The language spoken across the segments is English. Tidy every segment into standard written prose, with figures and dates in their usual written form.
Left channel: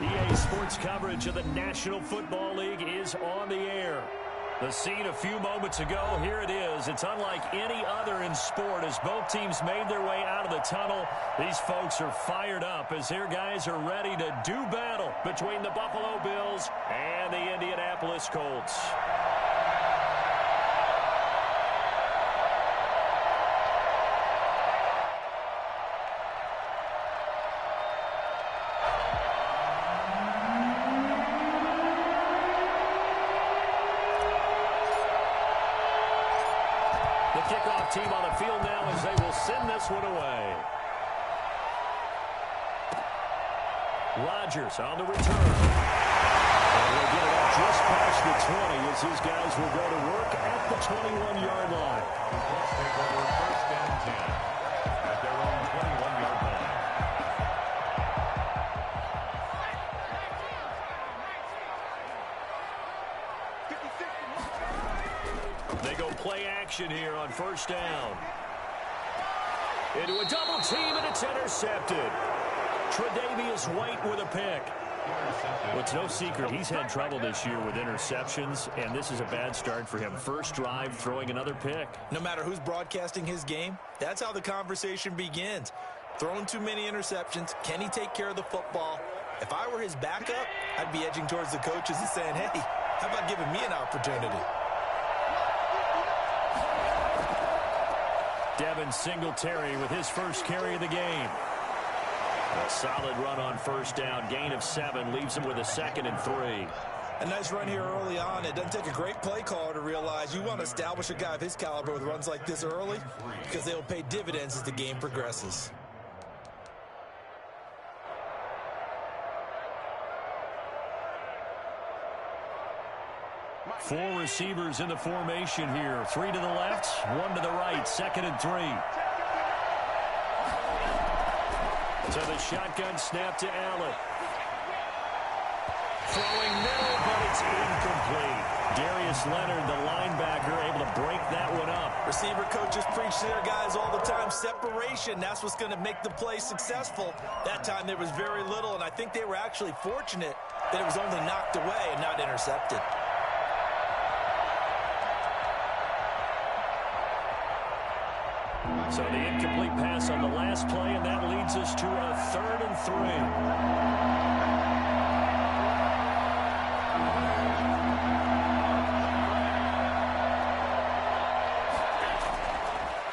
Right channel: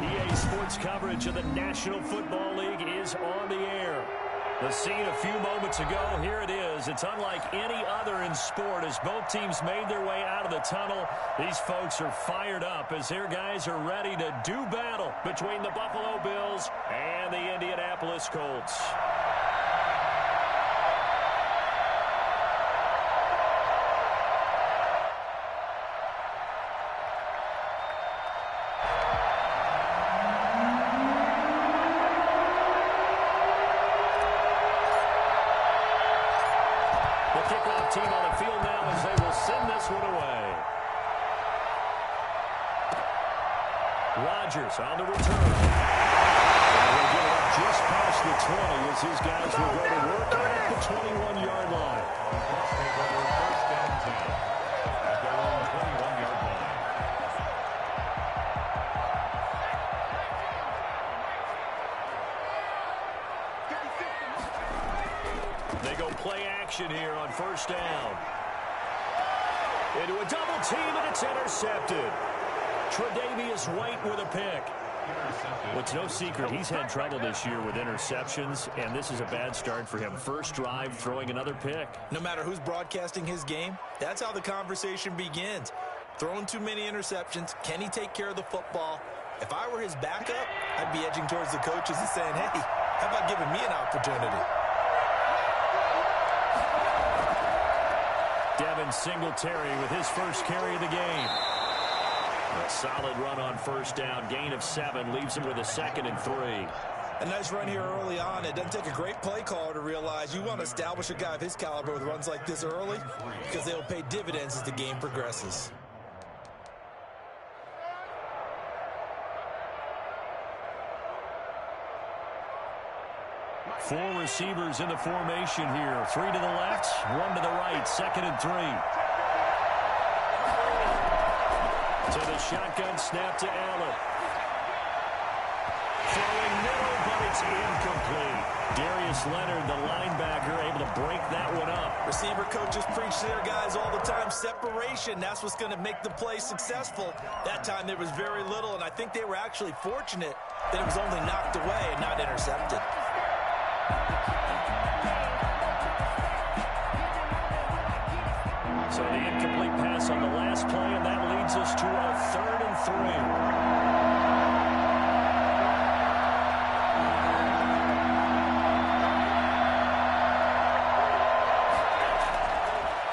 EA Sports coverage of the National Football League is on the air. The scene a few moments ago, here it is. It's unlike any other in sport as both teams made their way out of the tunnel. These folks are fired up as their guys are ready to do battle between the Buffalo Bills and the Indianapolis Colts. The kickoff team on the field now as they will send this one away. Rodgers on the return. And he'll get it up just past the 20 as his guys will go to work at the 21-yard line. Let's take over first and 10 at their own 21-yard line. They go play action here on first down. Into a double team, and it's intercepted. Tre'Davious White with a pick. Well, it's no secret he's had trouble this year with interceptions, and this is a bad start for him. First drive, throwing another pick. No matter who's broadcasting his game, that's how the conversation begins. Throwing too many interceptions, can he take care of the football? If I were his backup, I'd be edging towards the coaches and saying, hey, how about giving me an opportunity? Devin Singletary with his first carry of the game. A solid run on first down. Gain of 7 leaves him with a 2nd and 3. A nice run here early on. It doesn't take a great play caller to realize you want to establish a guy of his caliber with runs like this early because they will pay dividends as the game progresses. Four receivers in the formation here. 3 to the left, 1 to the right. 2nd and 3. To the shotgun snap to Allen. Throwing middle, but it's incomplete. Darius Leonard, the linebacker, able to break that one up. Receiver coaches preach to their guys all the time. Separation, that's what's going to make the play successful. That time there was very little, and I think they were actually fortunate that it was only knocked away and not intercepted. So the incomplete pass on the last play, and that leads us to a 3rd and 3.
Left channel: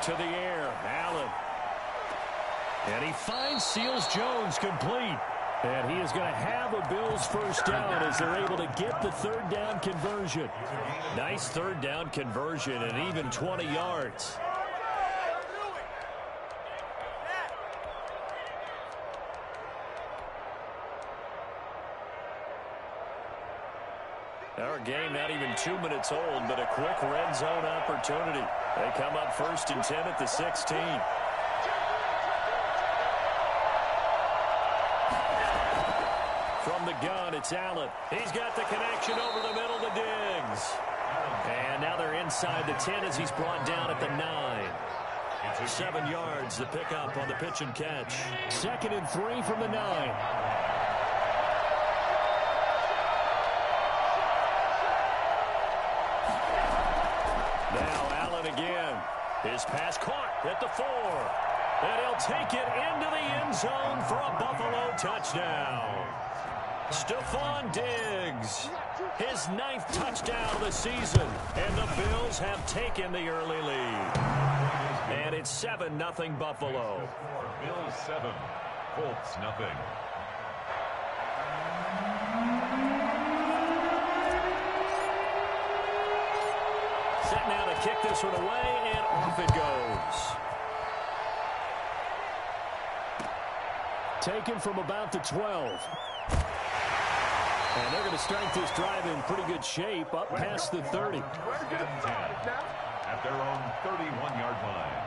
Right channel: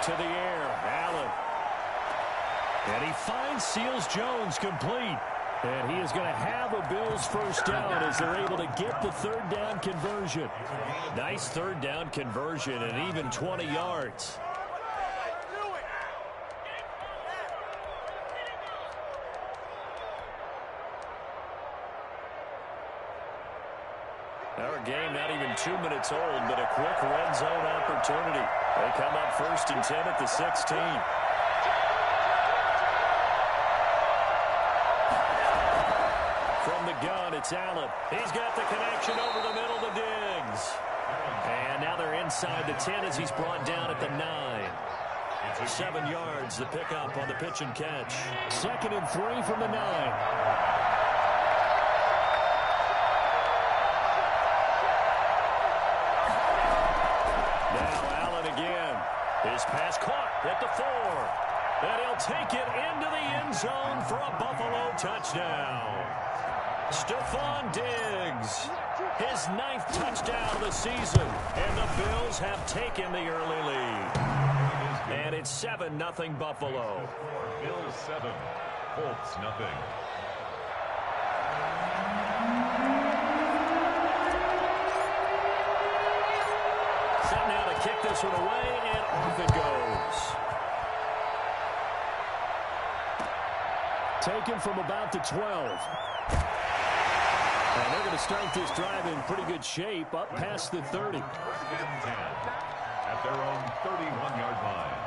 To the air, Allen. And he finds Seals Jones complete. And he is going to have a Bills first down as they're able to get the 3rd down conversion. Nice 3rd down conversion and even 20 yards. Our game not even 2 minutes old, but a quick red zone opportunity. They come up 1st and 10 at the 16. From the gun, it's Allen. He's got the connection over the middle to Diggs. And now they're inside the 10 as he's brought down at the 9. 7 yards, the pickup on the pitch and catch. 2nd and 3 from the 9. Now Allen again. His pass caught at the 4. And he'll take it into the end zone for a Buffalo touchdown. Stephon Diggs, his 9th touchdown of the season. And the Bills have taken the early lead. And it's 7-0 Buffalo. Bills 7, Colts nothing. Set now to kick this one away, and off it goes. Taken from about the 12. And they're going to start this drive in pretty good shape, up past the 30. 3rd and 10 at their own 31-yard line.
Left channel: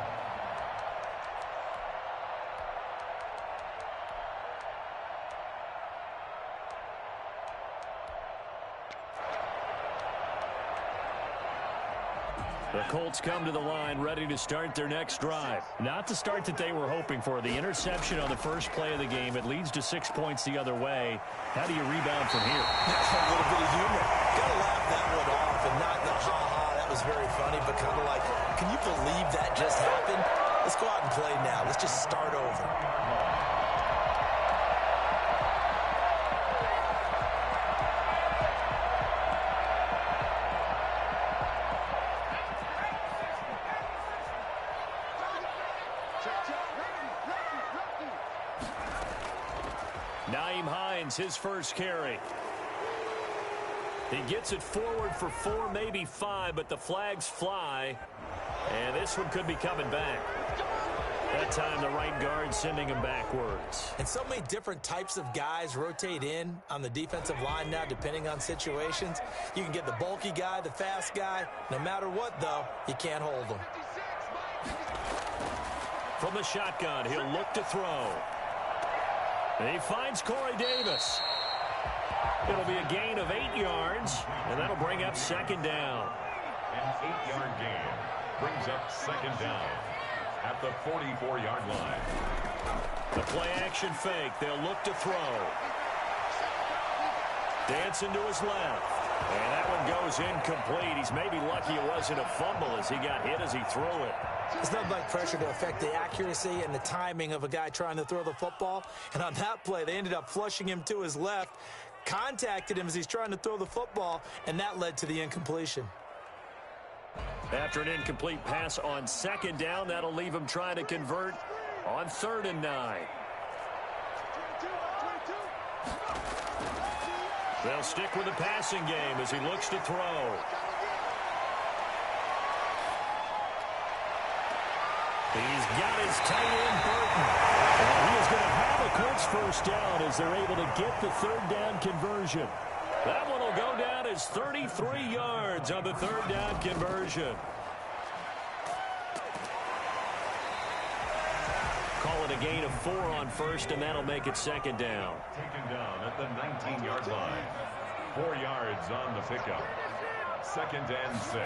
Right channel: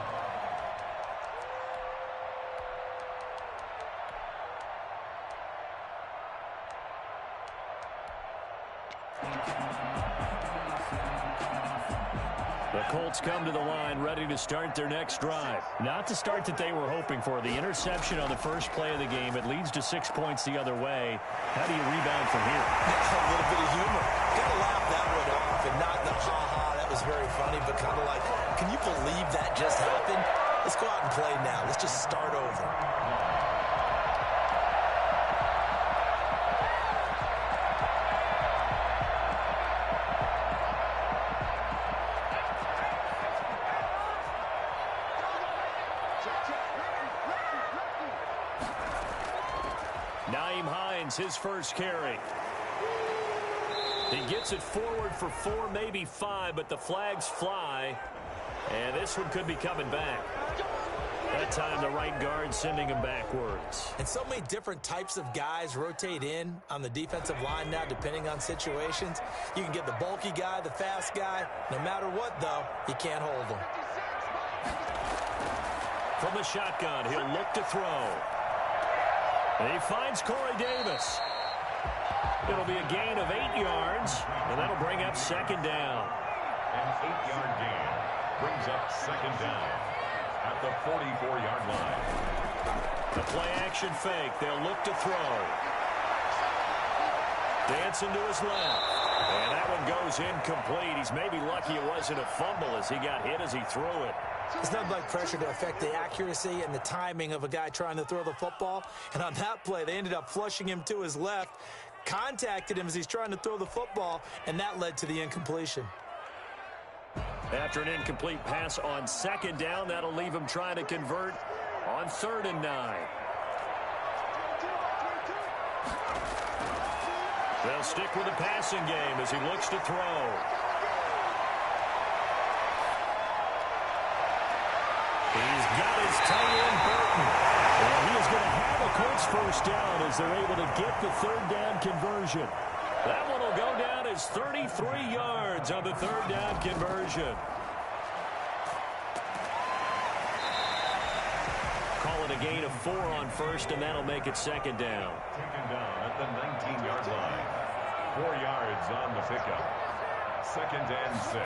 The Colts come to the line ready to start their next drive. Not the start that they were hoping for. The interception on the first play of the game. It leads to 6 points the other way. How do you rebound from here? A little bit of humor. Got to laugh that one off and not the ha-ha. That was very funny, but kind of like, can you believe that just happened? Let's go out and play now. Let's just start over. His first carry. He gets it forward for 4, maybe 5, but the flags fly, and this one could be coming back. That time the right guard sending him backwards. And so many different types of guys rotate in on the defensive line now depending on situations. You can get the bulky guy, the fast guy. No matter what, though, you can't hold them. From the shotgun, he'll look to throw. And he finds Corey Davis. It'll be a gain of 8 yards, and that'll bring up second down. An 8-yard gain brings up second down at the 44-yard line. The play-action fake. They'll look to throw. Dancing to his left. And that one goes incomplete. He's maybe lucky it wasn't a fumble as he got hit as he threw it. It's nothing like pressure to affect the accuracy and the timing of a guy trying to throw the football. And on that play, they ended up flushing him to his left, contacted him as he's trying to throw the football, and that led to the incompletion. After an incomplete pass on second down, that'll leave him trying to convert on 3rd and 9. They'll stick with the passing game as he looks to throw. He's got his tight end, Burton. And he is going to have a Colts first down as they're able to get the 3rd down conversion. That one will go down as 33 yards on the 3rd down conversion. Call it a gain of 4 on first, and that'll make it second down. Taken down at the 19-yard line. 4 yards on the pickup. 2nd and 6.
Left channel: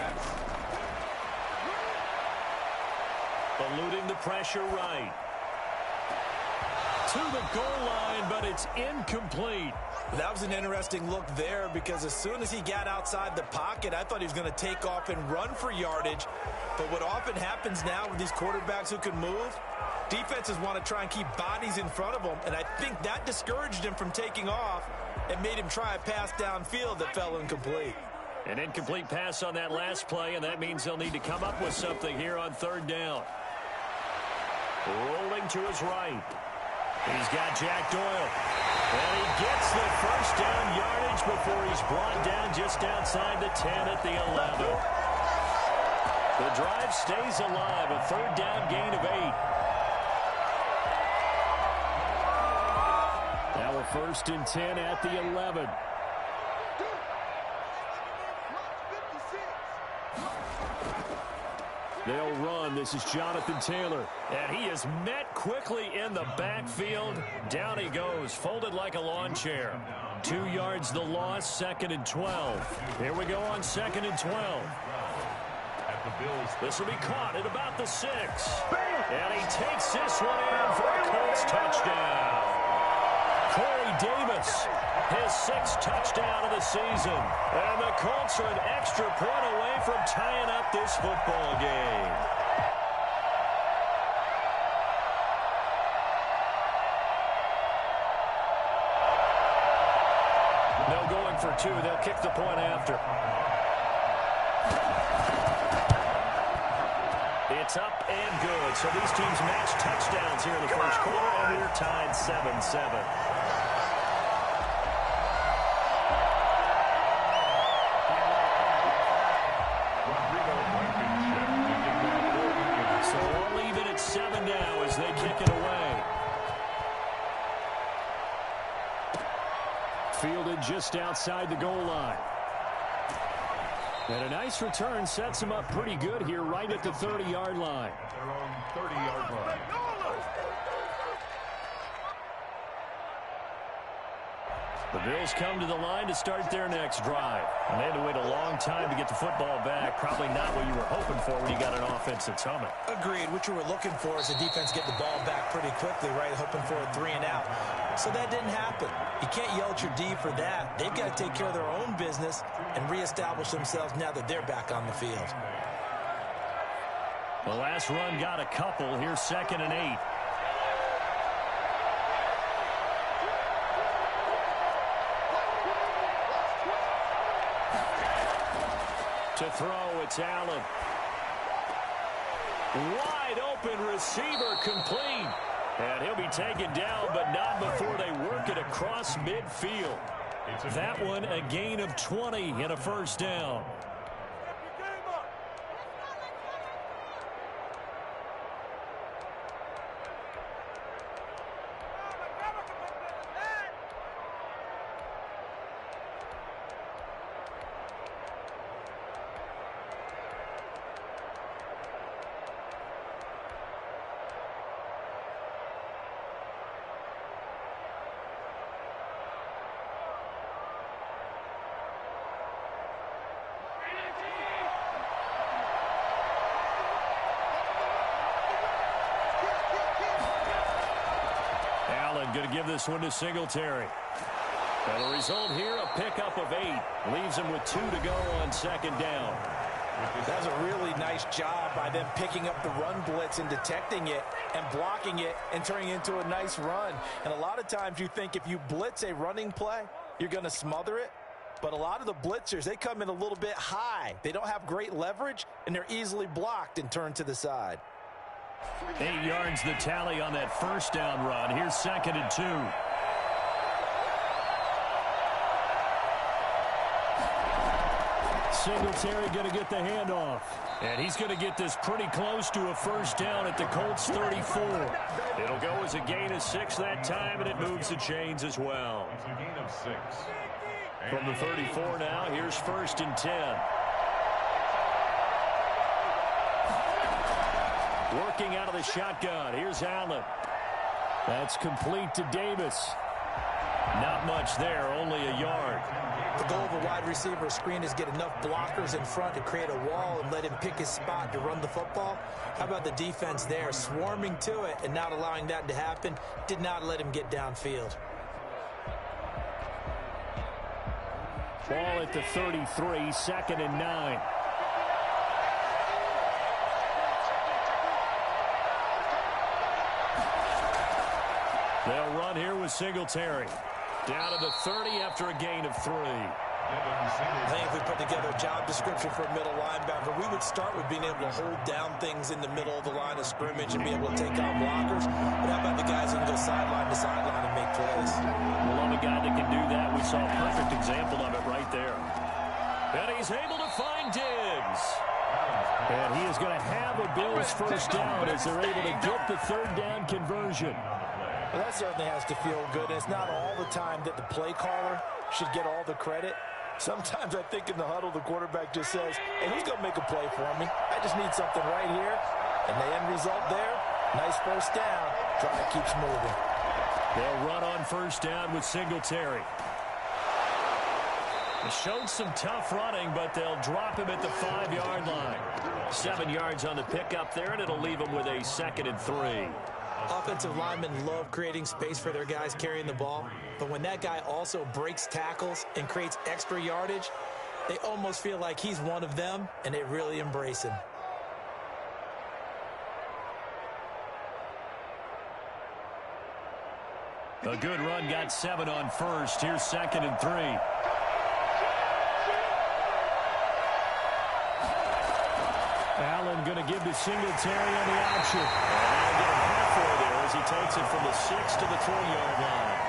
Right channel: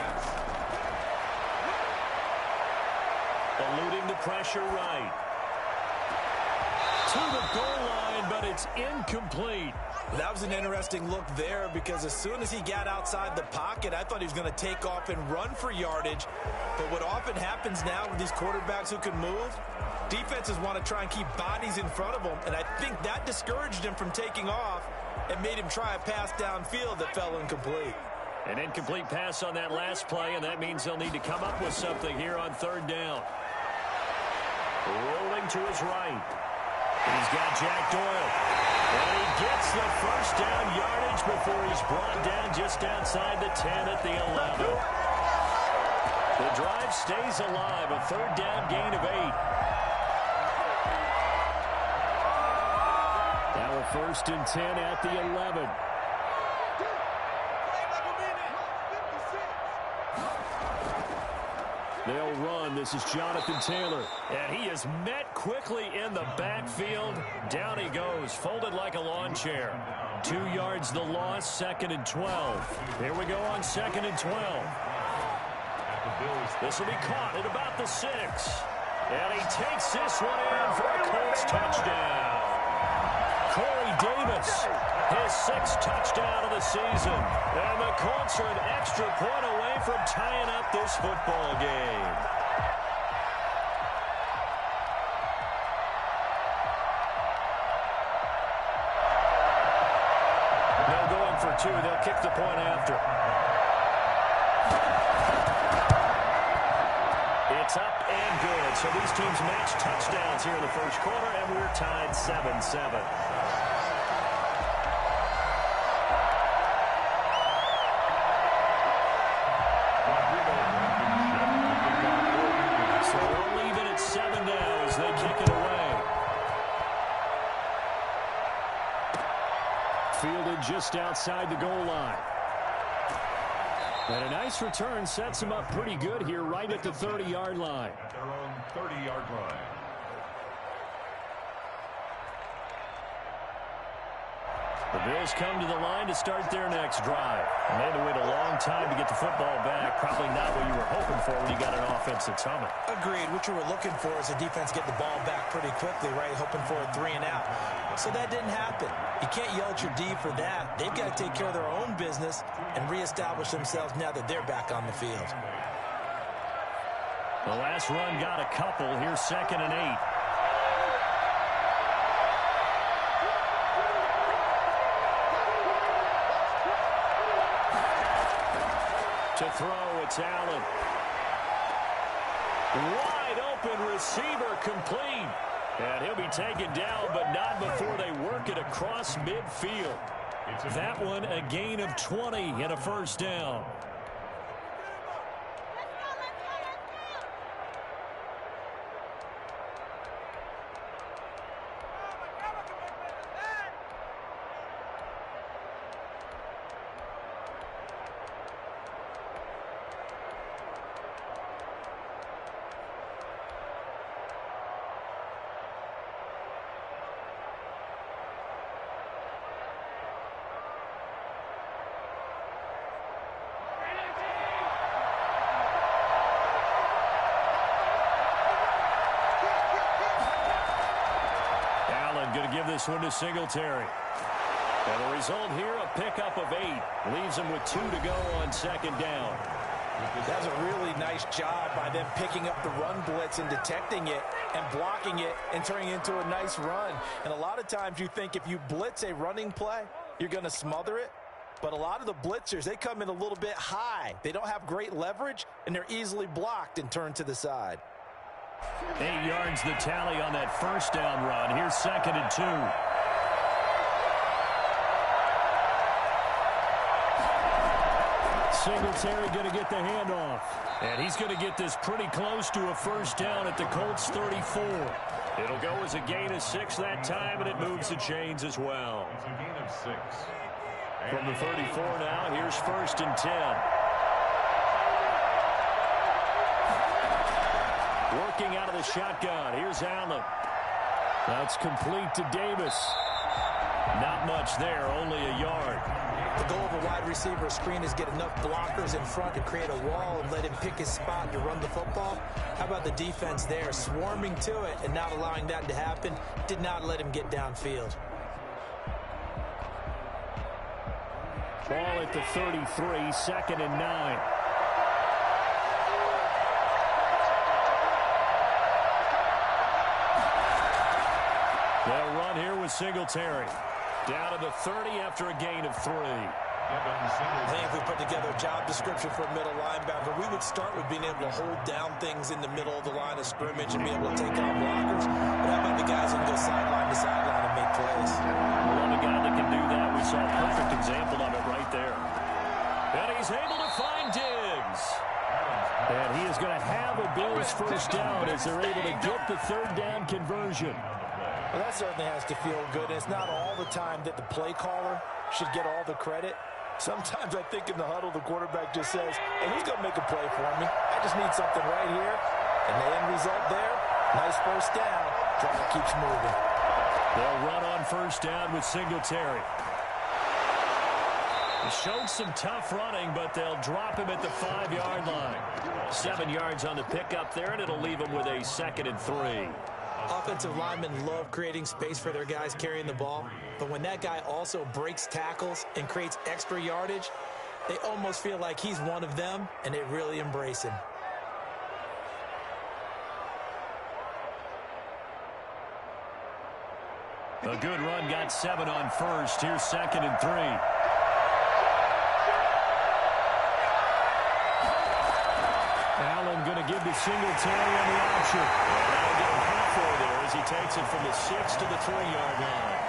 Eluding the pressure right. To the goal line, but it's incomplete. That was an interesting look there because as soon as he got outside the pocket, I thought he was going to take off and run for yardage. But what often happens now with these quarterbacks who can move, defenses want to try and keep bodies in front of them, and I think that discouraged him from taking off and made him try a pass downfield that fell incomplete. An incomplete pass on that last play, and that means they'll need to come up with something here on 3rd down. Rolling to his right. He's got Jack Doyle. And he gets the first down yardage before he's brought down just outside the 10 at the 11. The drive stays alive. A 3rd down gain of 8. Now a 1st and 10 at the 11. They'll run. This is Jonathan Taylor. And he is met quickly in the backfield. Down he goes, folded like a lawn chair. 2 yards the loss, 2nd and 12. Here we go on 2nd and 12. This will be caught at about the 6. And he takes this one in for a Colts touchdown. Corey Davis, his 6th touchdown of the season. And the Colts are an extra point away from tying up this football game. No going for 2. They'll kick the point after. It's up and good. So these teams match touchdowns here in the first quarter, and we're tied 7-7. So we'll leave it at 7 now as they kick it away. Fielded just outside the goal line. And a nice return sets him up pretty good here right at the 30-yard line. At their own 30-yard line. The Bills come to the line to start their next drive. And they had to wait a long time to get the football back. Probably not what you were hoping for when you got an offense that's humming. Agreed. What you were looking for is the defense get the ball back pretty quickly, right? Hoping for a 3 and out. So that didn't happen. You can't yell at your D for that. They've got to take care of their own business and reestablish themselves now that they're back on the field. The last run got a couple. Here's 2nd and 8. To throw, it's Allen. Wide open receiver complete. And he'll be taken down, but not before they work it across midfield. That one a gain of 20 and a first down. Going to give this one to Singletary. And the result here, a pickup of 8. Leaves him with 2 to go on 2nd down. That's a really nice job by them picking up the run blitz and detecting it and blocking it and turning it into a nice run. And a lot of times you think if you blitz a running play, you're going to smother it. But a lot of the blitzers, they come in a little bit high. They don't have great leverage, and they're easily blocked and turned to the side. 8 yards the tally on that first down run. Here's 2nd and 2. Singletary going to get the handoff. And he's going to get this pretty close to a first down at the Colts 34. It'll go as a gain of 6 that time, and it moves the chains as well. It's a gain of 6. From the 34 now, here's 1st and 10. Working out of the shotgun. Here's Allen. That's complete to Davis. Not much there, only a yard. The goal of a wide receiver screen is get enough blockers in front to create a wall and let him pick his spot to run the football. How about the defense there, swarming to it and not allowing that to happen? Did not let him get downfield. Ball at the 33, 2nd and 9. They'll run here with Singletary. Down to the 30 after a gain of 3. I think if we put together a job description for a middle linebacker, we would start with being able to hold down things in the middle of the line of scrimmage and be able to take on blockers. But how about the guys who can go sideline to sideline and make plays? We love a guy that can do that. We saw a perfect example of it right there. And he's able to find Diggs. And he is going to have a Bills first down as they're able to get the 3rd down conversion. Well, that certainly has to feel good. And it's not all the time that the play caller should get all the credit. Sometimes I think in the huddle, the quarterback just says, hey, who's going to make a play for me? I just need something right here. And the end result there, nice first down. Drive keeps moving. They'll run on first down with Singletary. They showed some tough running, but they'll drop him at the 5-yard line. 7 yards on the pickup there, and it'll leave him with a 2nd and 3. Offensive linemen love creating space for their guys carrying the ball, but when that guy also breaks tackles and creates extra yardage, they almost feel like he's one of them, and they really embrace him. A good run got 7 on first. Here's 2nd and 3. Allen going to give to Singletary on the option. And that'll get him halfway there as he takes it from the 6 to the 3-yard line.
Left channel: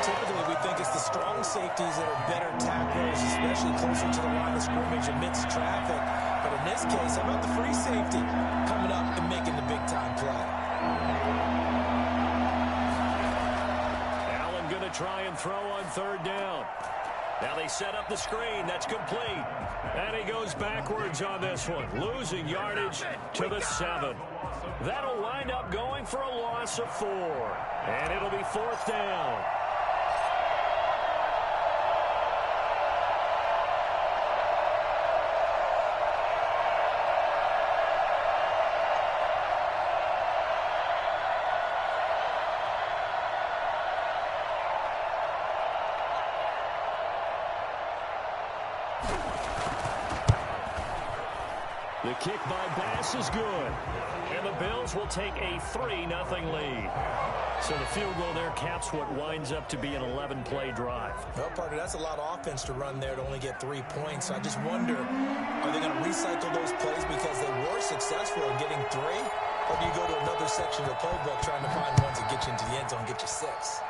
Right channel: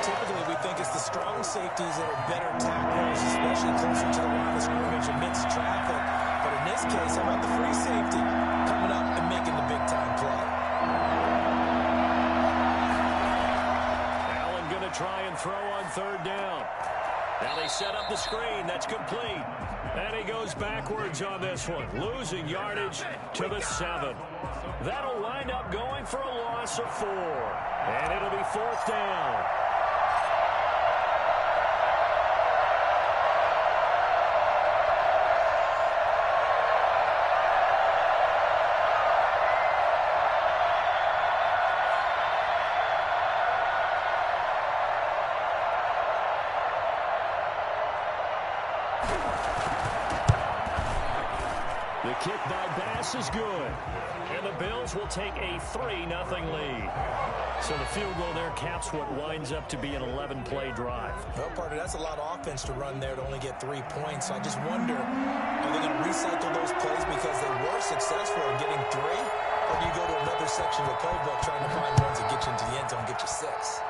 Typically, we think it's the strong safeties that are better tacklers, especially closer to the line of scrimmage amidst traffic. But in this case, how about the free safety coming up and making the big-time play? Allen going to try and throw on 3rd down. Now they set up the screen. That's complete. And he goes backwards on this one, losing yardage to the 7. That'll wind up going for a loss of 4. And it'll be 4th down. The kick by Bass is good. And the Bills will take a 3-0 lead. So the field goal there caps what winds up to be an 11-play drive. Well, partner, that's a lot of offense to run there to only get 3 points. So I just wonder, are they going to recycle those plays because they were successful in getting 3? Or do you go to another section of the playbook trying to find ones that get you into the end zone and get you 6?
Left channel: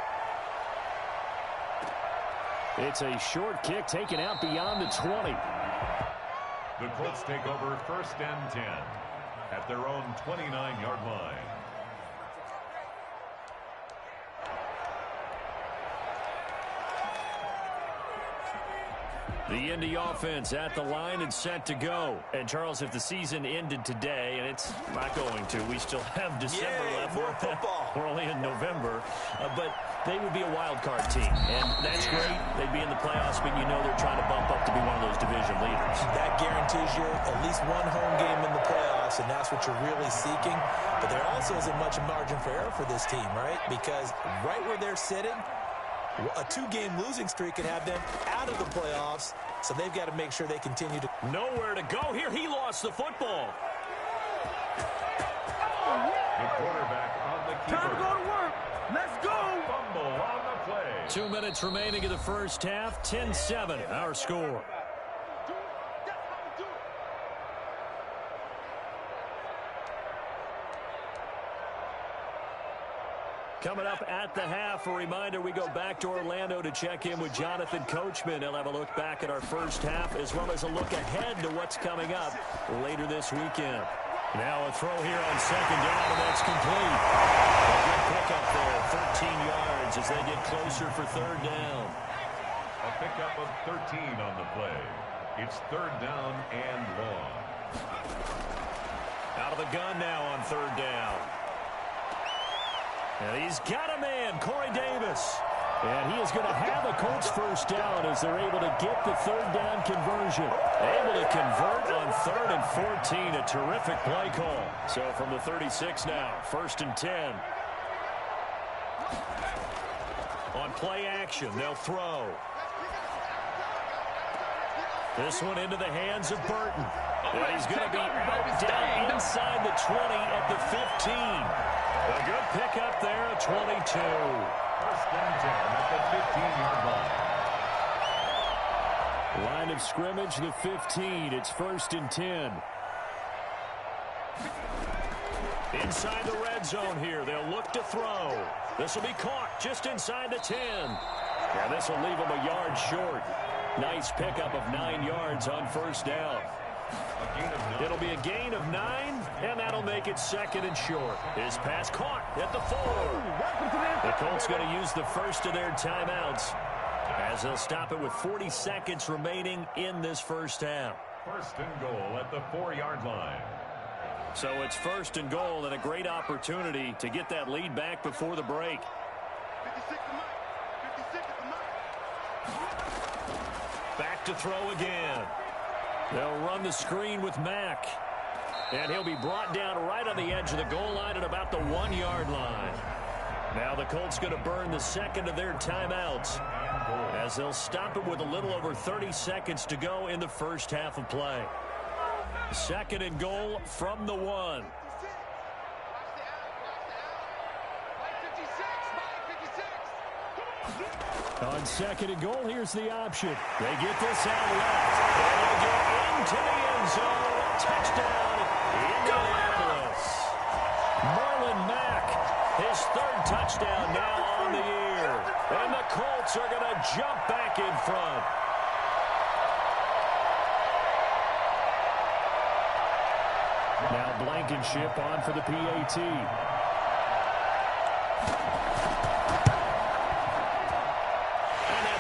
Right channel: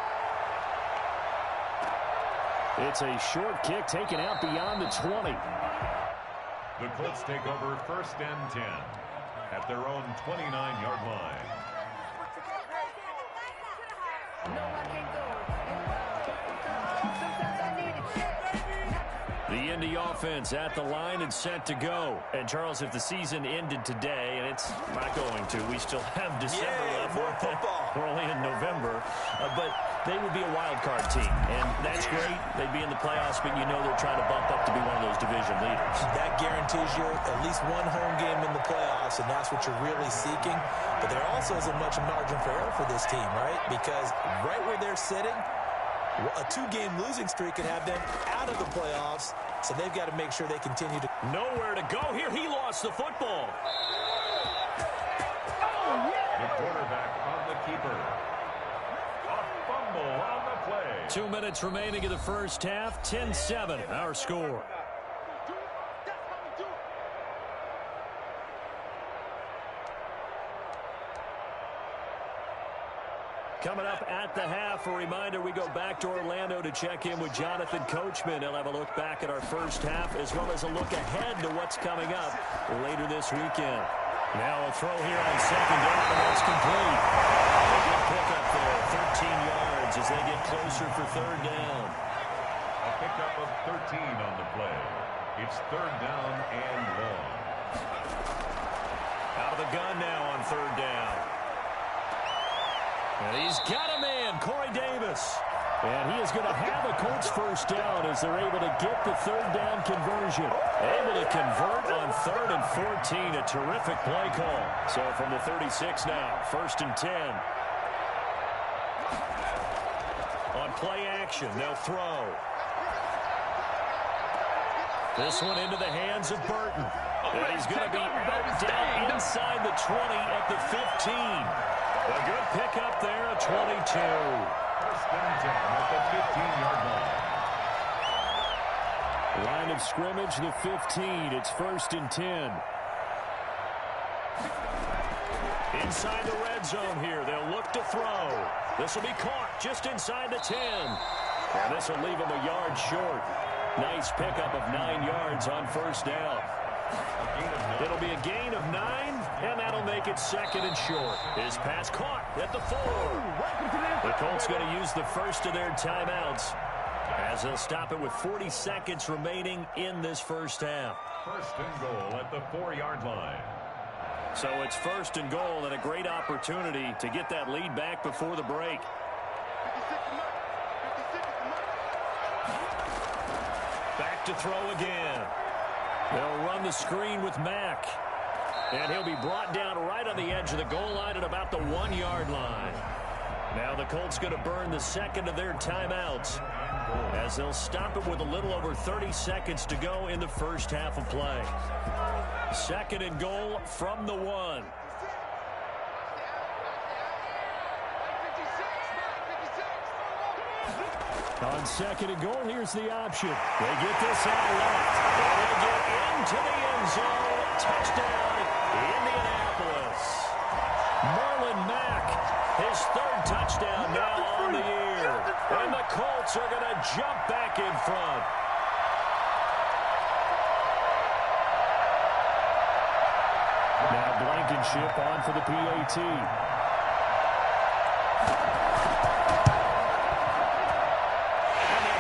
It's a short kick taken out beyond the 20. The Colts take over 1st and 10 at their own 29-yard line. The Indy offense at the line and set to go. And, Charles, if the season ended today, and it's not going to, we still have December left. More football. We're only in November. But they would be a wild card team. And that's great. They'd be in the playoffs, but you know they're trying to bump up to be one of those division leaders. That guarantees you at least one home game in the playoffs, and that's what you're really seeking. But there also isn't much margin for error for this team, right? Because right where they're sitting, a 2-game losing streak could have them out of the playoffs, so they've got to make sure they continue to... Nowhere to go here. He lost the football. The quarterback on the keeper. Let's go. A fumble on the play. 2 minutes remaining in the first half. 10-7, our score. Coming up at the half, a reminder, we go back to Orlando to check in with Jonathan Coachman. He'll have a look back at our first half as well as a look ahead to what's coming up later this weekend. Now a throw here on 2nd down, and that's complete. A good pickup there, 13 yards as they get closer for 3rd down. A pickup of 13 on the play. It's 3rd down and long. Out of the gun now on 3rd down. And he's got a man, Corey Davis. And he is going to have a Colts 1st down as they're able to get the 3rd down conversion. Able to convert on 3rd and 14. A terrific play call. So from the 36 now, 1st and 10. On play action, they'll throw. This one into the hands of Burton. And he's going to be out down inside the 20 at the 15. A good pickup there, a 22. 1st and 10 at the 15-yard line. Line of scrimmage, the 15. It's 1st and 10. Inside the red zone here. They'll look to throw. This will be caught just inside the 10. And this will leave them a yard short. Nice pickup of 9 yards on 1st down. It'll be a gain of 9, and that'll make it 2nd and short. His pass caught at the 4. The Colts going to use the first of their timeouts as they'll stop it with 40 seconds remaining in this first half. 1st and goal at the 4-yard line. So it's 1st and goal and a great opportunity to get that lead back before the break. Back to throw again. They'll run the screen with Mack. And he'll be brought down right on the edge of the goal line at about the 1-yard line. Now the Colts going to burn the 2nd of their timeouts as they'll stop it with a little over 30 seconds to go in the first half of play. 2nd and goal from the 1. On 2nd and goal, here's the option. They get this out left. And he'll get into the end zone. Touchdown, Indianapolis. Marlon Mack, his 3rd touchdown now on the year. And the Colts are going to jump back in front. Now Blankenship on for the PAT.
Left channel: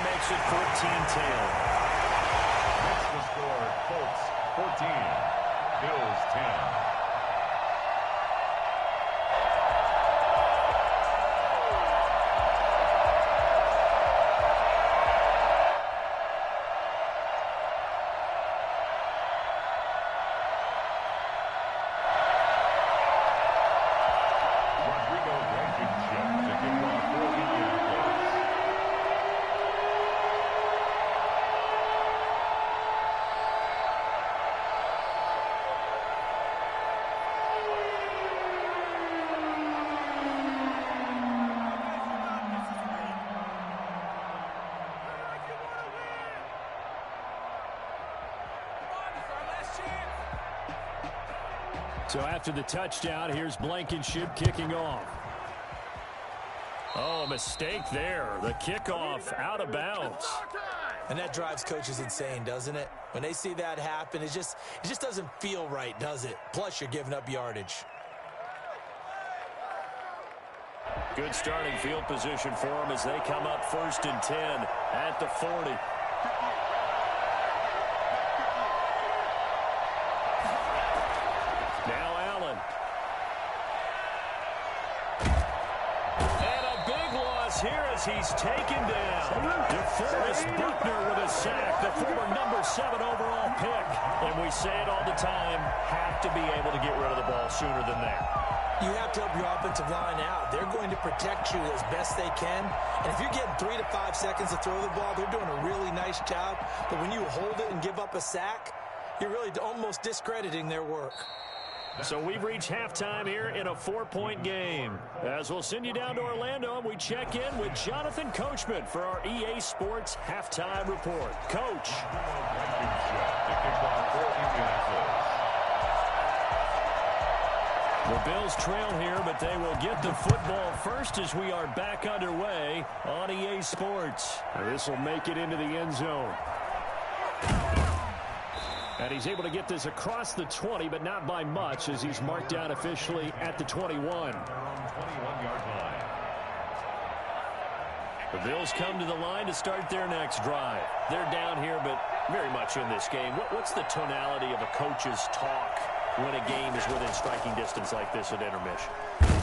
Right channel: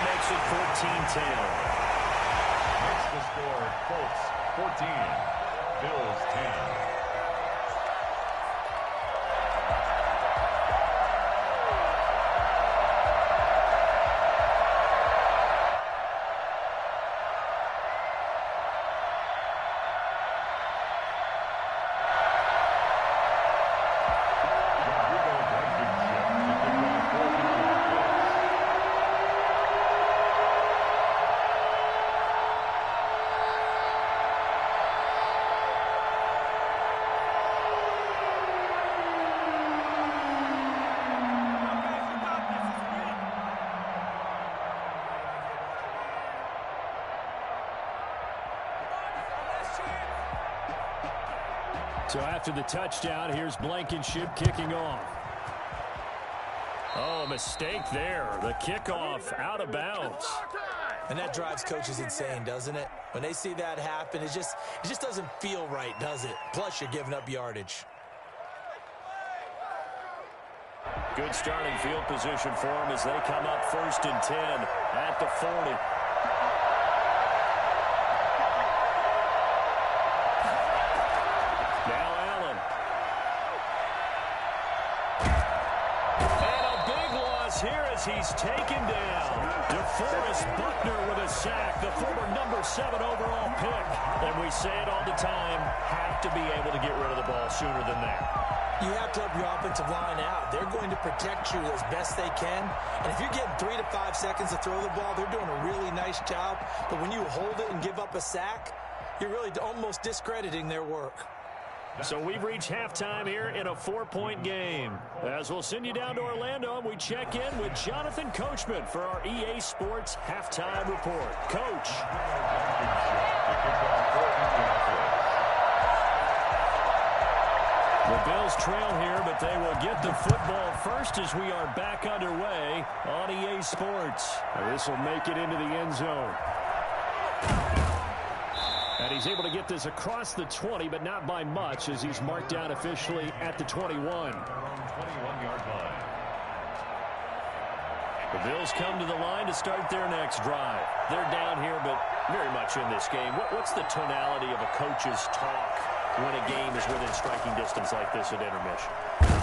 Makes it 14-10. Makes the score Colts 14, Bills 10. So after the touchdown, here's Blankenship kicking off. Oh, a mistake there. The kickoff out of bounds. And that drives coaches insane, doesn't it? When they see that happen, it just doesn't feel right, does it? Plus, you're giving up yardage. Good starting field position for them as they come up 1st and 10 at the 40. Now Allen. And a big loss here as he's taken down. DeForest Buckner with a sack, the former number 7 overall pick. And we say it all the time, have to be able to get rid of the ball sooner than that. You have to help your offensive line out. They're going to protect you as best they can. And if you're getting 3 to 5 seconds to throw the ball, they're doing a really nice job. But when you hold it and give up a sack, you're really almost discrediting their work. So we've reached halftime here in a 4-point game. As we'll send you down to Orlando, and we check in with Jonathan Coachman for our EA Sports Halftime Report. Coach. The Bills trail here, but they will get the football first as we are back underway on EA Sports. This will make it into the end zone. And he's able to get this across the 20, but not by much as he's marked down officially at the 21. 21-yard line. The Bills come to the line to start their next drive. They're down here, but very much in this game. What's the tonality of a coach's talk when a game is within striking distance like this at intermission?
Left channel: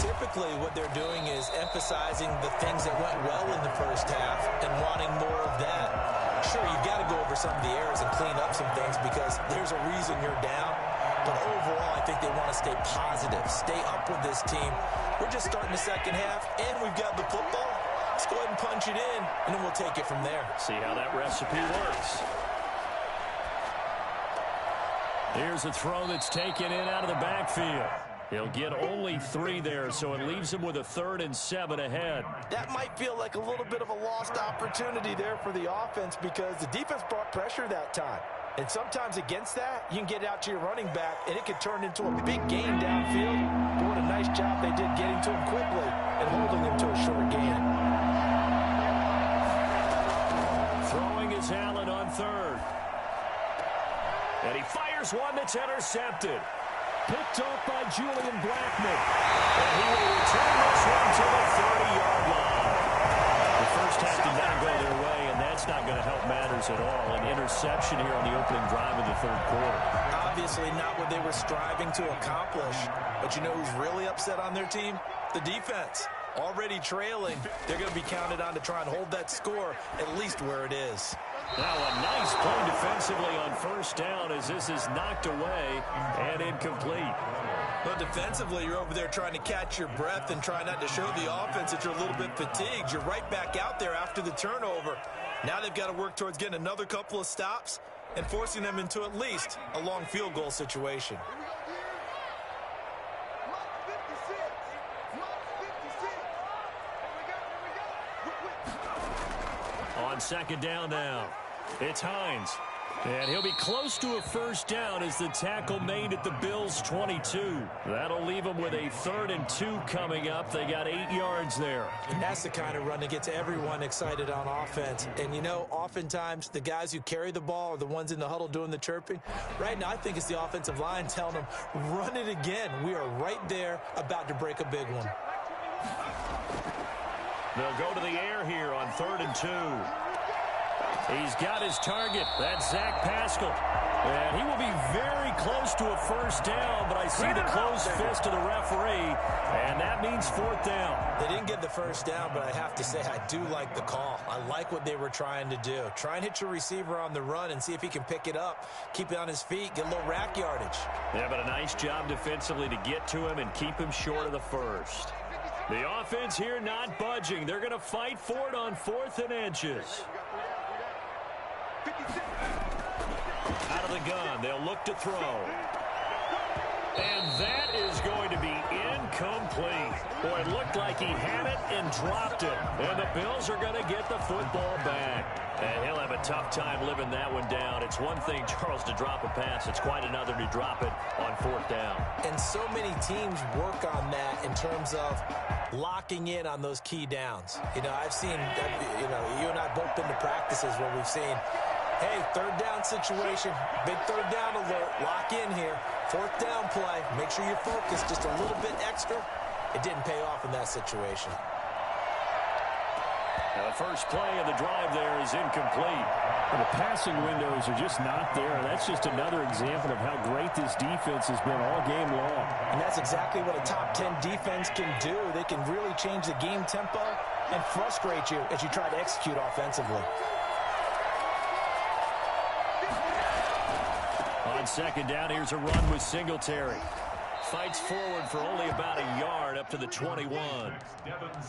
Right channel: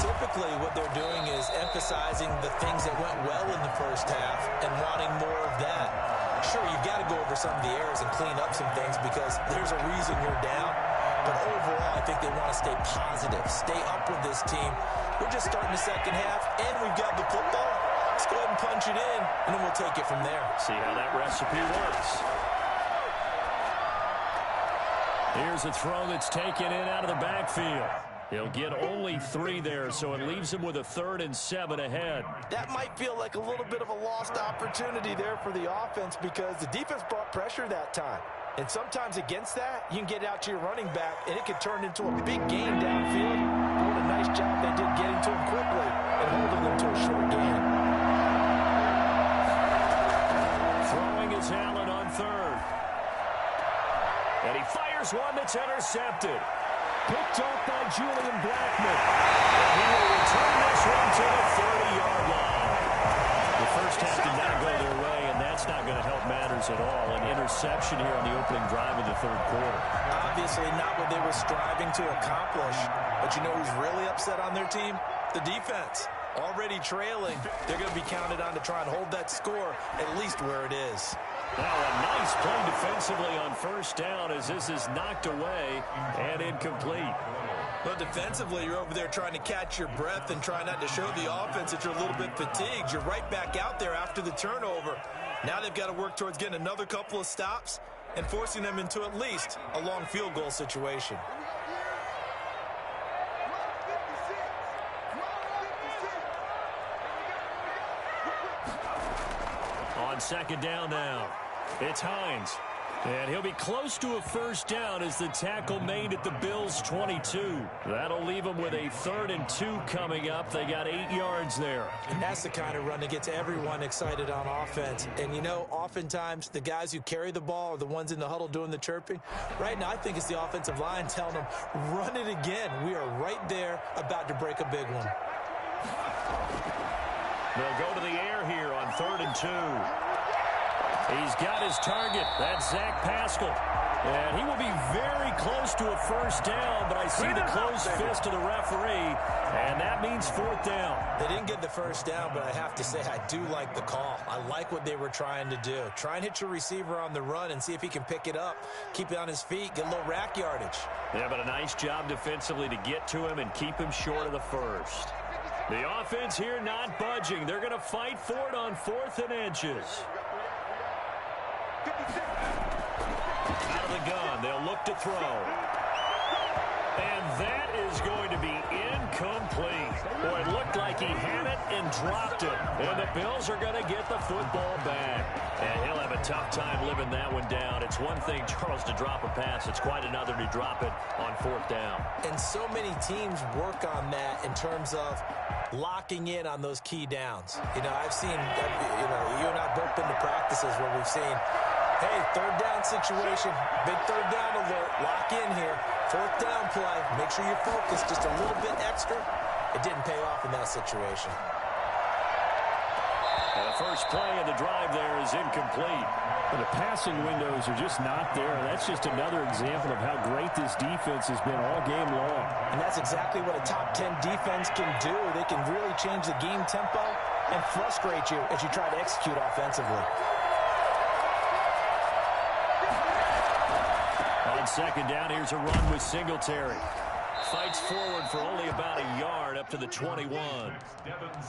Typically, what they're doing is emphasizing the things that went well in the first half and wanting more of that. Sure, you've got to go over some of the errors and clean up some things because there's a reason you're down. But overall, I think they want to stay positive, stay up with this team. We're just starting the second half, and we've got the football. Let's go ahead and punch it in, and then we'll take it from there. See how that recipe works. Here's a throw that's taken in out of the backfield. He'll get only 3 there, so it leaves him with a 3rd and 7 ahead. That might feel like a little bit of a lost opportunity there for the offense because the defense brought pressure that time. And sometimes against that, you can get out to your running back, and it could turn into a big gain downfield. But what a nice job they did getting to him quickly and holding him to a short gain. Throwing is Allen on 3rd. And he fires one that's intercepted. Picked off by Julian Blackman. And he will return this one to the 30-yard line. The first half did not go their way, and that's not going to help matters at all. An interception here on the opening drive of the 3rd quarter. Obviously not what they were striving to accomplish. But you know who's really upset on their team? The defense. Already trailing, they're going to be counted on to try and hold that score at least where it is. Now a nice play defensively on 1st down as this is knocked away and incomplete. Well, defensively, you're over there trying to catch your breath and try not to show the offense that you're a little bit fatigued. You're right back out there after the turnover. Now they've got to work towards getting another couple of stops and forcing them into at least a long field goal situation. On 2nd down now, it's Hines. And he'll be close to a 1st down as the tackle made at the Bills' 22. That'll leave them with a 3rd and 2 coming up. They got 8 yards there. And that's the kind of run that gets everyone excited on offense. And, you know, oftentimes the guys who carry the ball are the ones in the huddle doing the chirping. Right now, I think it's the offensive line telling them, run it again. We are right there about to break a big one. They'll go to the air here on 3rd and 2. He's got his target. That's Zach Pascal. And he will be very close to a 1st down, but I see the closed fist of the referee, and that means 4th down. They didn't get the 1st down, but I have to say I do like the call. I like what they were trying to do. Try and hit your receiver on the run and see if he can pick it up, keep it on his feet, get a little rack yardage. Yeah, but a nice job defensively to get to him and keep him short of the 1st. The offense here not budging. They're going to fight for it on 4th and inches. Out of the gun, they'll look to throw. And that is going to be incomplete. Boy, it looked like he had it and dropped it. And the Bills are going to get the football back. And he'll have a tough time living that one down. It's one thing, Charles, to drop a pass. It's quite another to drop it on 4th down. And so many teams work on that in terms of locking in on those key downs. I've seen, you and I both been to practices where we've seen, hey, 3rd down situation, big 3rd down alert, lock in here, 4th down play, make sure you're focused just a little bit extra. It didn't pay off in that situation. The first play of the drive there is incomplete. But the passing windows are just not there. That's just another example of how great this defense has been all game long. And that's exactly what a top 10 defense can do. They can really change the game tempo and frustrate you as you try to execute offensively. On 2nd down, here's a run with Singletary. Fights forward for only about a yard up to the 21.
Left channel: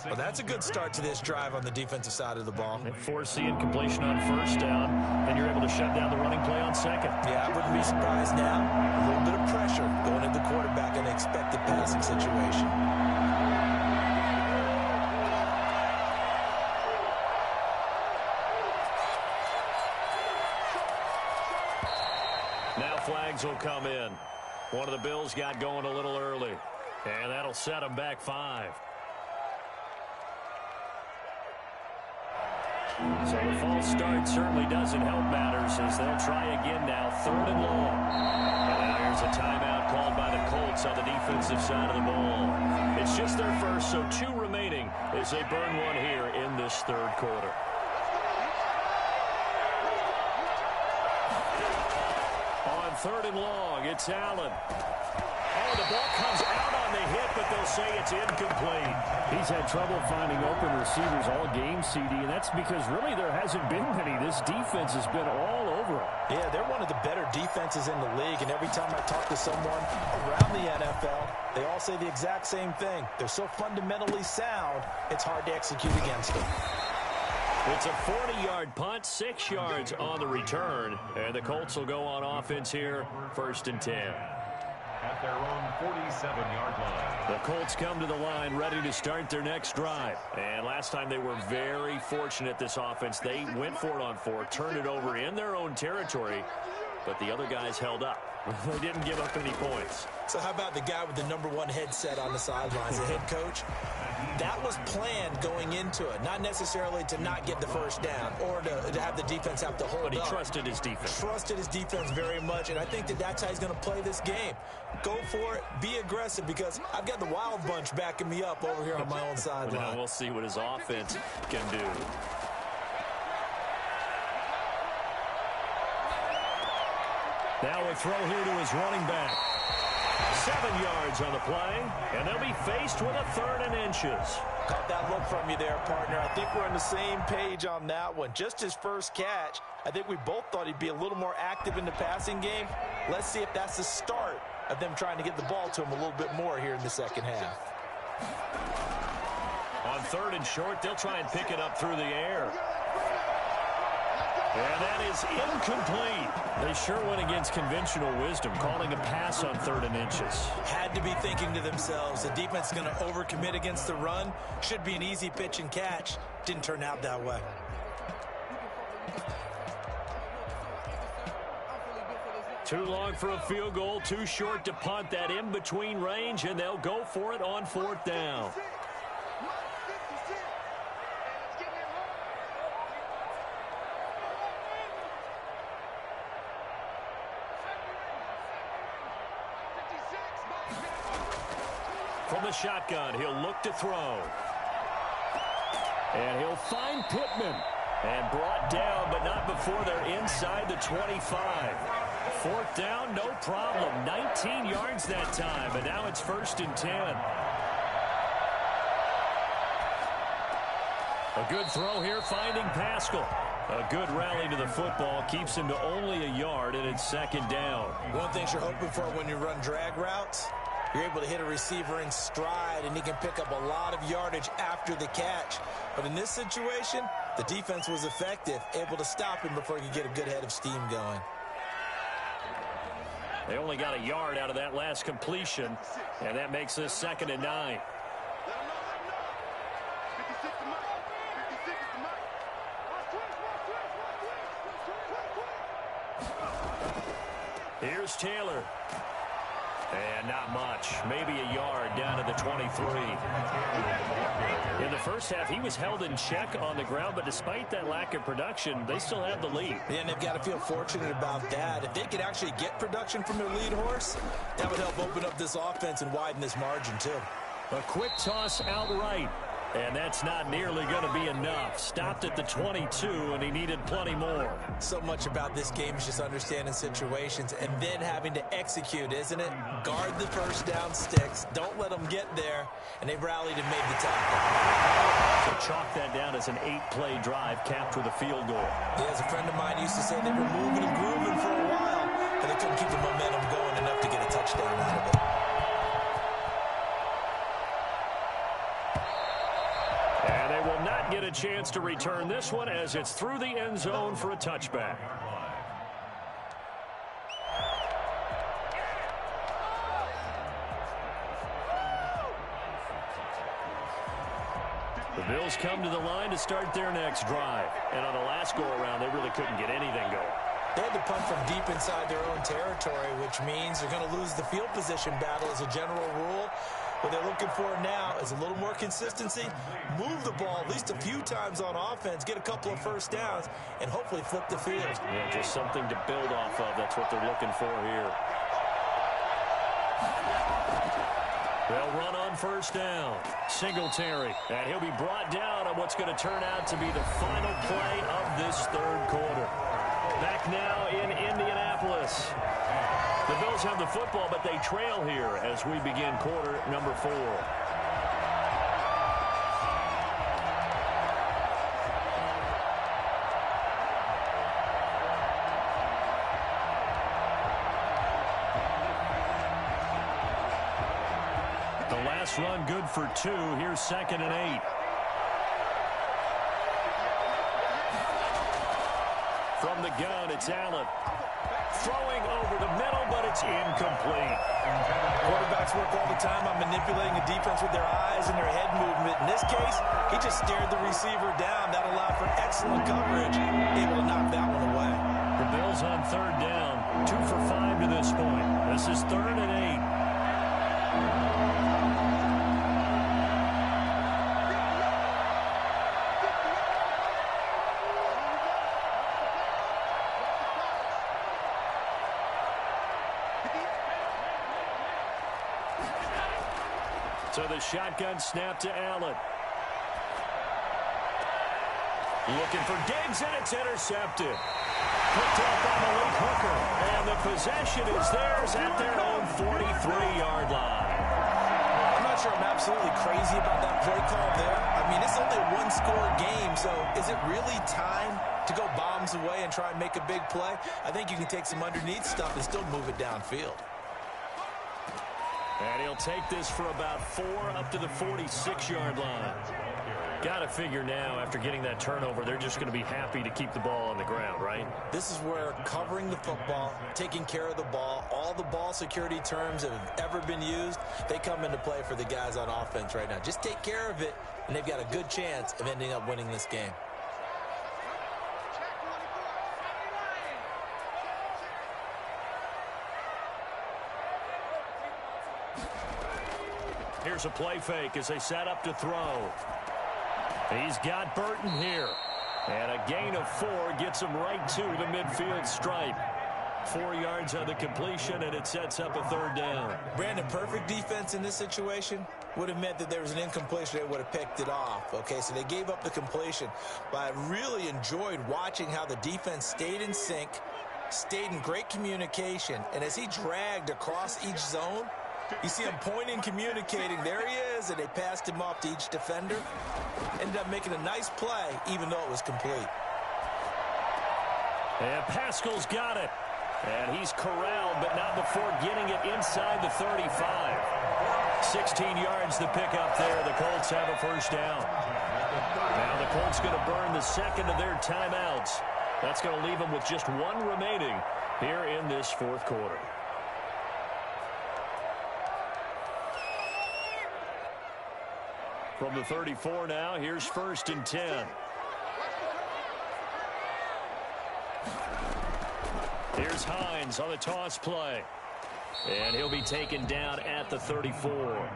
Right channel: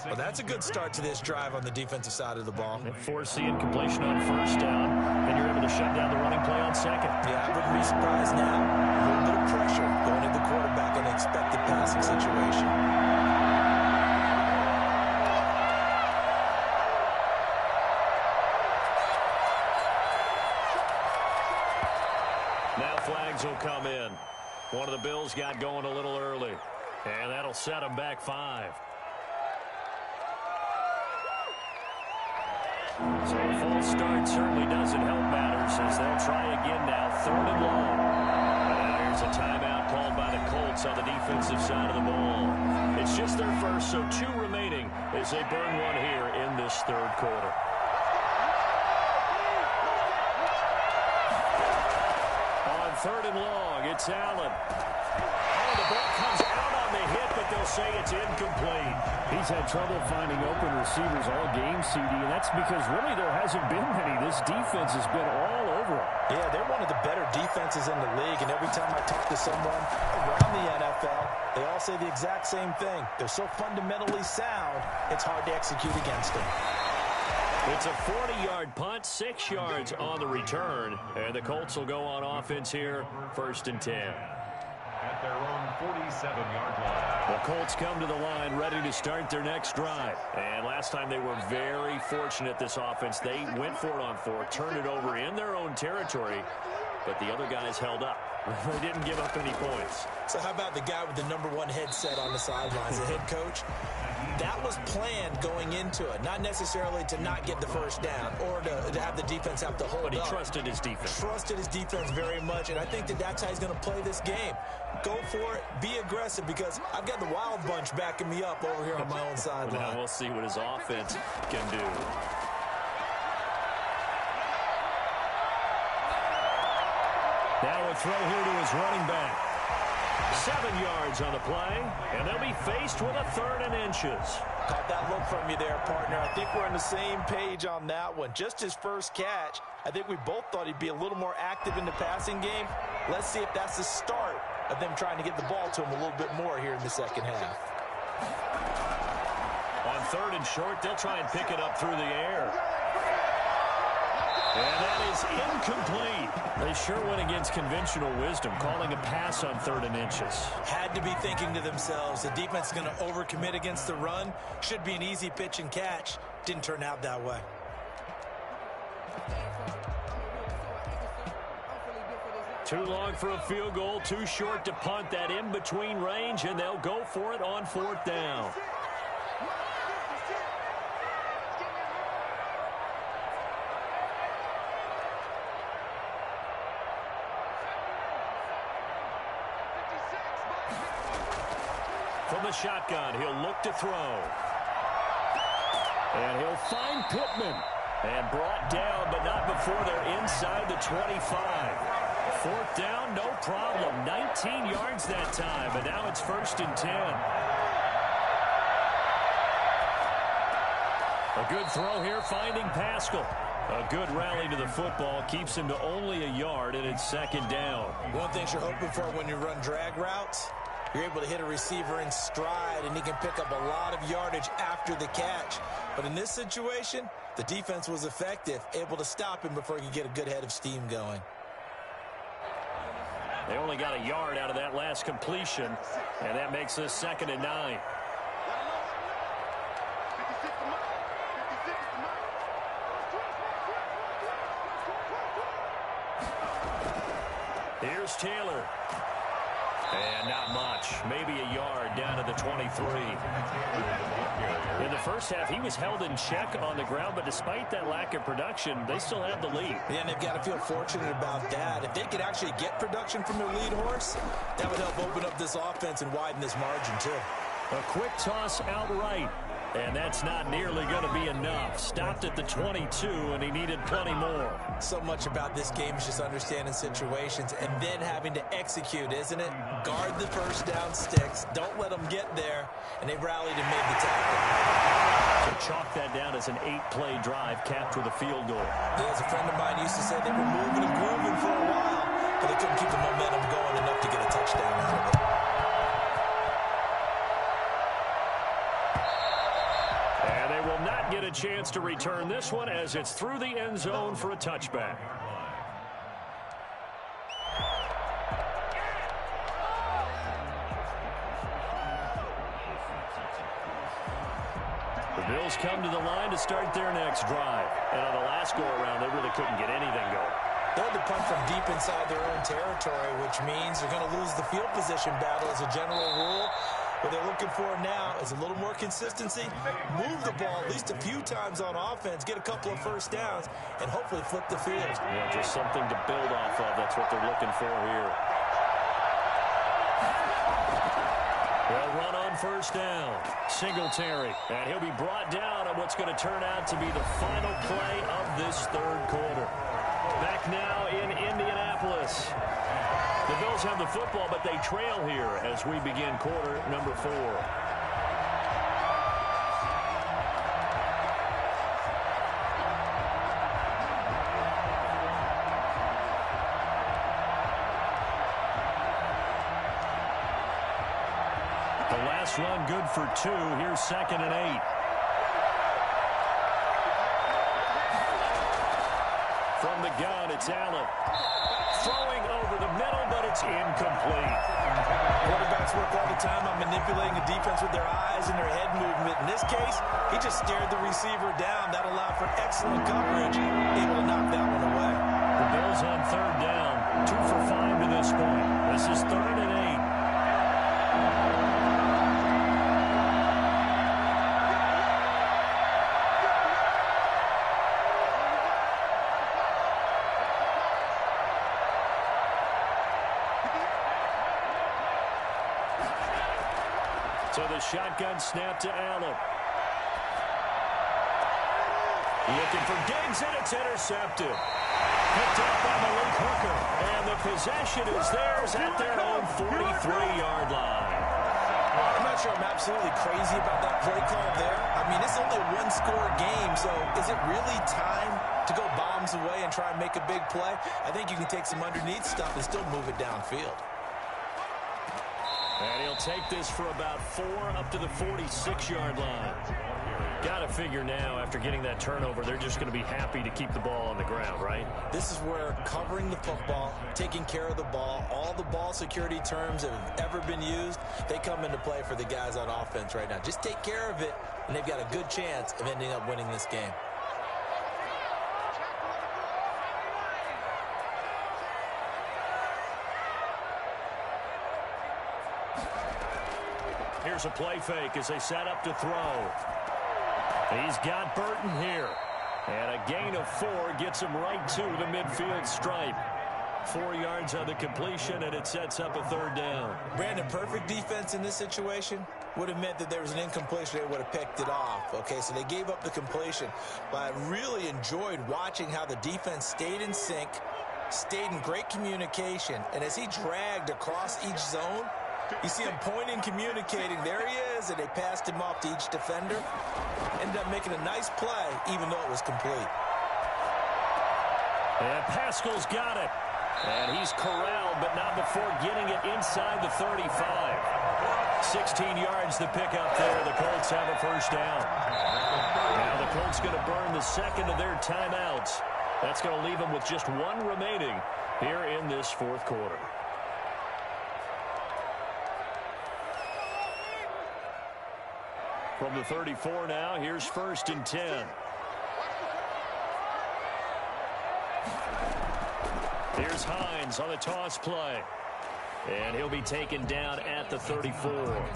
Well, that's a good start to this drive on the defensive side of the ball. They force the incompletion on 1st down, and you're able to shut down the running play on 2nd. Yeah, I wouldn't be surprised now. A little bit of pressure going into the quarterback in an expected passing situation. Now flags will come in. One of the Bills got going a little early, and that'll set them back 5. So the false start certainly doesn't help matters as they'll try again now, 3rd and long. And now here's a timeout called by the Colts on the defensive side of the ball. It's just their first, so 2 remaining as they burn one here in this 3rd quarter. On 3rd and long, it's Allen. Oh, the ball comes out on the hit, but they'll say it's incomplete. He's had trouble finding open receivers all game, CD, and that's because really there hasn't been many. This defense has been all over them. Yeah, they're one of the better defenses in the league, and every time I talk to someone around the NFL, they all say the exact same thing. They're so fundamentally sound, it's hard to execute against them. It's a 40-yard punt, 6 yards on the return, and the Colts will go on offense here, 1st and 10. At their own 47-yard line. The Colts come to the line ready to start their next drive. And last time they were very fortunate, this offense. They went for it on 4, turned it over in their own territory, but the other guys held up. They didn't give up any points. So how about the guy with the #1 headset on the sidelines, the head coach? That was planned going into it, not necessarily to not get the 1st down or to have the defense have to hold up. But he trusted his defense. Trusted his defense very much, and I think that's how he's going to play this game. Go for it, be aggressive, because I've got the wild bunch backing me up over here on my own sideline. Now we'll see what his offense can do. Now a throw here to his running back. 7 yards on the play, and they'll be faced with a 3rd and inches. Caught that look from you there, partner. I think we're on the same page on that one. Just his first catch, I think we both thought he'd be a little more active in the passing game. Let's see if that's the start of them trying to get the ball to him a little bit more here in the 2nd half. On 3rd and short, they'll try and pick it up through the air. And that is incomplete. They sure went against conventional wisdom, calling a pass on 3rd and inches. Had to be thinking to themselves, the defense is going to overcommit against the run. Should be an easy pitch and catch. Didn't turn out that way. Too long for a field goal, too short to punt. That in-between range, and they'll go for it on 4th down. From the shotgun, he'll look to throw. And he'll find Pittman. And brought down, but not before they're inside the 25. 4th down, no problem. 19 yards that time, and now it's 1st and 10. A good throw here, finding Pascal. A good rally to the football, keeps him to only a yard, and it's 2nd down. One thing you're hoping for when you run drag routes, you're able to hit a receiver in stride, and he can pick up a lot of yardage after the catch. But in this situation, the defense was effective, able to stop him before he could get a good head of steam going. They only got a yard out of that last completion, and that makes this 2nd and 9. Here's Taylor. And not much. Maybe a yard down to the 23. In the first half, he was held in check on the ground, but despite that lack of production, they still have the lead. Yeah, and they've got to feel fortunate about that. If they could actually get production from their lead horse, that would help open up this offense and widen this margin, too. A quick toss outright. And that's not nearly going to be enough. Stopped at the 22, and he needed plenty more. So much about this game is just understanding situations and then having to execute, isn't it? Guard the first down sticks. Don't let them get there. And they rallied and made the tackle. So chalk that down as an 8-play drive capped with a field goal. Yeah, as a friend of mine used to say, they were moving and grooving for a while, but they couldn't keep the momentum going enough to get a touchdown out of it. And they will not get a chance to return this one as it's through the end zone for a touchback. The Bills come to the line to start their next drive. And on the last go-around, they really couldn't get anything going. They had to punt from deep inside their own territory, which means they're going to lose the field position battle as a general rule. What they're looking for now is a little more consistency, move the ball at least a few times on offense, get a couple of first downs, and hopefully flip the field. Yeah, just something to build off of. That's what they're looking for here. They'll run on first down. Singletary, and he'll be brought down on what's going to turn out to be the final play of this third quarter. Back now in Indianapolis. The Bills have the football, but they trail here as we begin quarter number 4. The last run good for 2. Here's 2nd and 8. From the gun, it's Allen. Throwing over the middle, but it's incomplete. Quarterbacks work all the time on manipulating a defense with their eyes and their head movement. In this case, he just stared the receiver down. That allowed for excellent coverage, able to knock that one away. The Bills on third down, 2 for 5 to this point. This is 3rd and 8. So the shotgun snap to Allen. Looking for Diggs, and it's intercepted. Picked off by Malik Hooker. And the possession is theirs at their own 43-yard line. I'm not sure I'm absolutely crazy about that play call there. I mean, it's only a one-score game, so is it really time to go bombs away and try and make a big play? I think you can take some underneath stuff and still move it downfield. And he'll take this for about 4 up to the 46-yard line. Got to figure now, after getting that turnover, they're just going to be happy to keep the ball on the ground, right? This is where covering the football, taking care of the ball, all the ball security terms that have ever been used, they come into play for the guys on offense right now. Just take care of it, and they've got a good chance of ending up winning this game. Here's a play fake as they set up to throw. He's got Burton here. And a gain of 4 gets him right to the midfield stripe. 4 yards on the completion, and it sets up a 3rd down. Brandon, perfect defense in this situation would have meant that there was an incompletion. They would have picked it off. Okay, so they gave up the completion. But I really enjoyed watching how the defense stayed in sync, stayed in great communication, and as he dragged across each zone, you see him pointing, communicating. There he is, and they passed him off to each defender. Ended up making a nice play, even though it was complete. And Pascal's got it. And he's corralled, but not before getting it inside the 35. 16 yards to pick up there. The Colts have a first down. Now the Colts going to burn the second of their timeouts. That's going to leave them with just 1 remaining here in this 4th quarter. From the 34 now, here's 1st and 10. Here's Hines on the toss play. And he'll be taken down at the 34.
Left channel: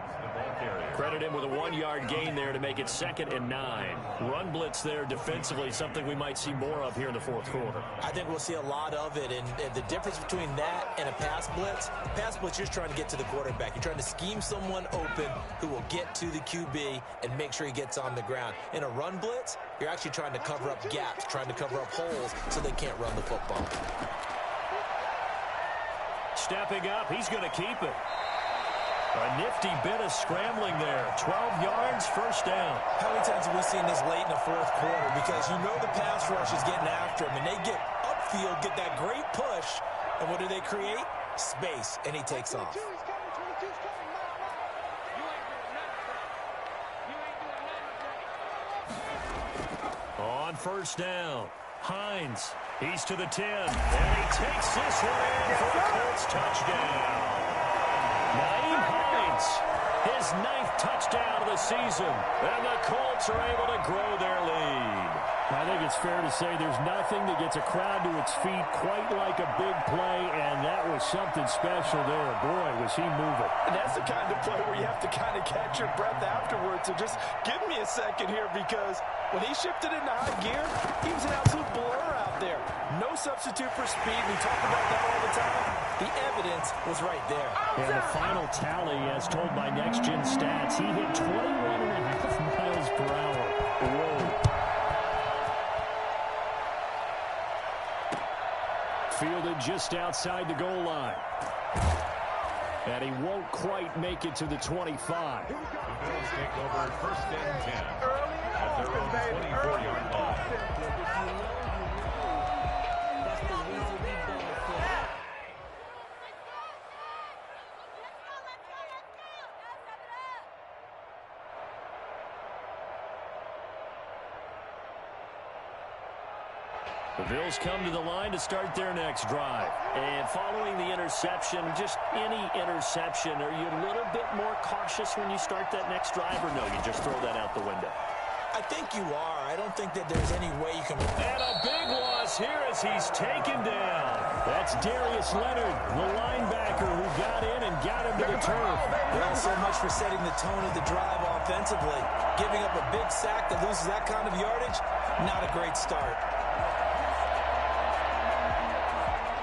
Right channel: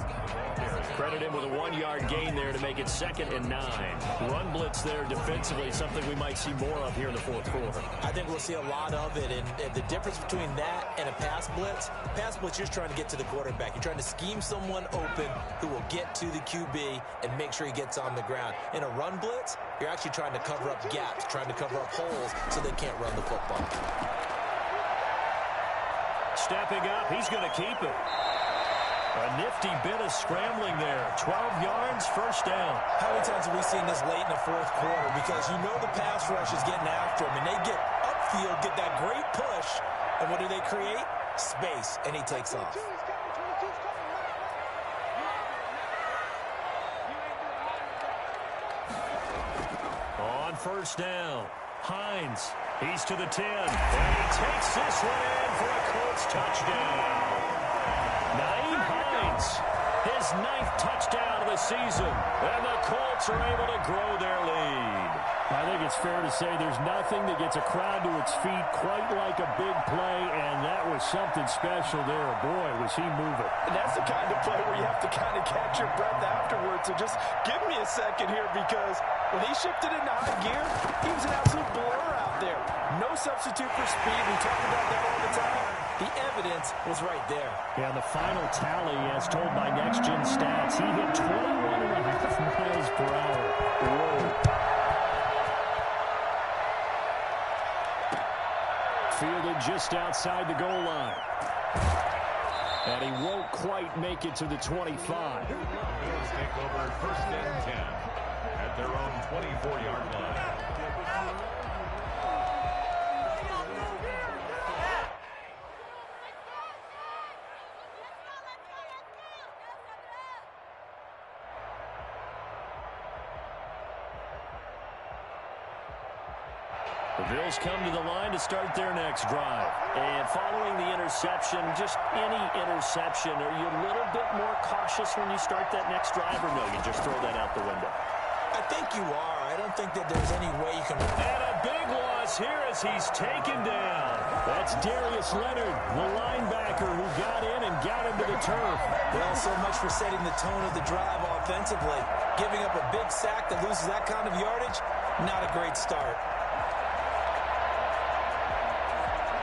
Credit him with a 1-yard gain there to make it 2nd and 9. Run blitz there defensively, something we might see more of here in the 4th quarter. I think we'll see a lot of it. And the difference between that and a pass blitz, you're just trying to get to the quarterback. You're trying to scheme someone open who will get to the QB and make sure he gets on the ground. In a run blitz, you're actually trying to cover up gaps, trying to cover up holes so they can't run the football. Stepping up, he's going to keep it. A nifty bit of scrambling there. 12 yards, 1st down. How many times have we seen this late in the 4th quarter? Because you know the pass rush is getting after him, and they get upfield, get that great push, and what do they create? Space, and he takes off. On 1st down, Hines. He's to the 10, and he takes this one in for a Colts touchdown. Naeem Hines, his 9th touchdown of the season, and the Colts are able to grow their lead. I think it's fair to say there's nothing that gets a crowd to its feet quite like a big play, and that was something special there. Boy, was he moving. And that's the kind of play where you have to kind of catch your breath afterwards. So just give me a second here, because when he shifted into high gear, he was an absolute blur out there. No substitute for speed. We talk about that all the time. The evidence was right there. And the final tally, as told by Next Gen Stats, he hit 21.5 miles per hour. Whoa. Fielded just outside the goal line. And he won't quite make it to the 25. The Bills take over 1st and 10 at their own 24-yard line. The Bills come to the line to start their next drive. And following the interception, just any interception, are you a little bit more cautious when you start that next drive, or no, you just throw that out the window? I think you are. I don't think that there's any way you can... And a big loss here as he's taken down. That's Darius Leonard, the linebacker who got in and got him to the turf. Well, so much for setting the tone of the drive offensively. Giving up a big sack that loses that kind of yardage, not a great start.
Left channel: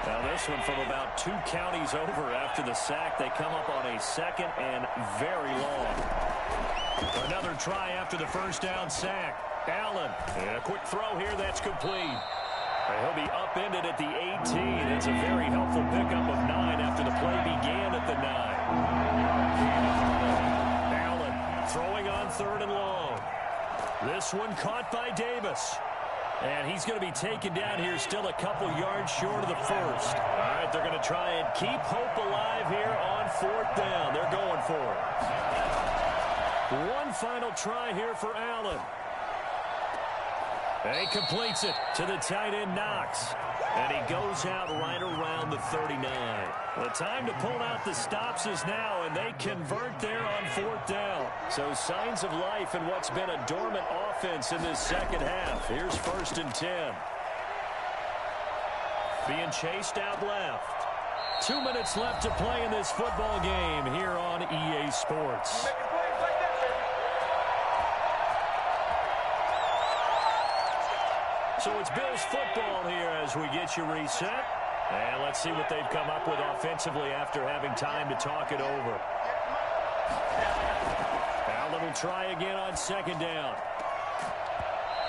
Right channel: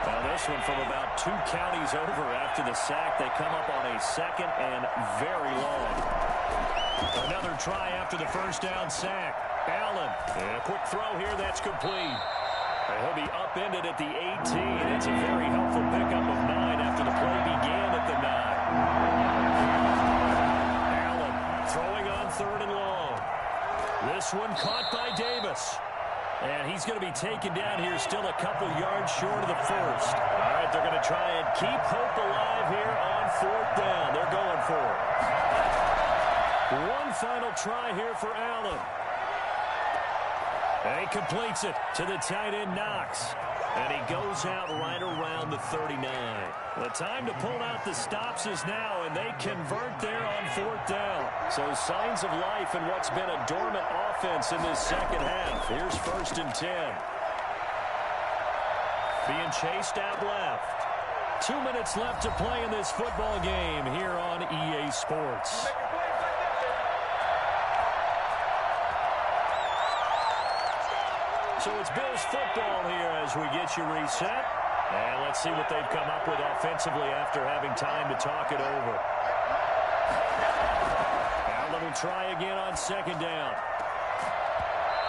Now this one from about 2 counties over after the sack. They come up on a 2nd and very long. Another try after the 1st down sack. Allen, and a quick throw here that's complete. He'll be upended at the 18. It's a very helpful pickup of 9 after the play began at the 9. Allen throwing on 3rd and long. This one caught by Davis. And he's going to be taken down here still a couple yards short of the 1st. All right, they're going to try and keep hope alive here on 4th down. They're going for it. One final try here for Allen. And he completes it to the tight end, Knox. And he goes out right around the 39. The time to pull out the stops is now, and they convert there on 4th down. So signs of life in what's been a dormant offense in this 2nd half. Here's 1st and 10. Being chased out left. 2 minutes left to play in this football game here on EA Sports. So it's Bills football here as we get you reset. And let's see what they've come up with offensively after having time to talk it over. Allen will try again on 2nd down.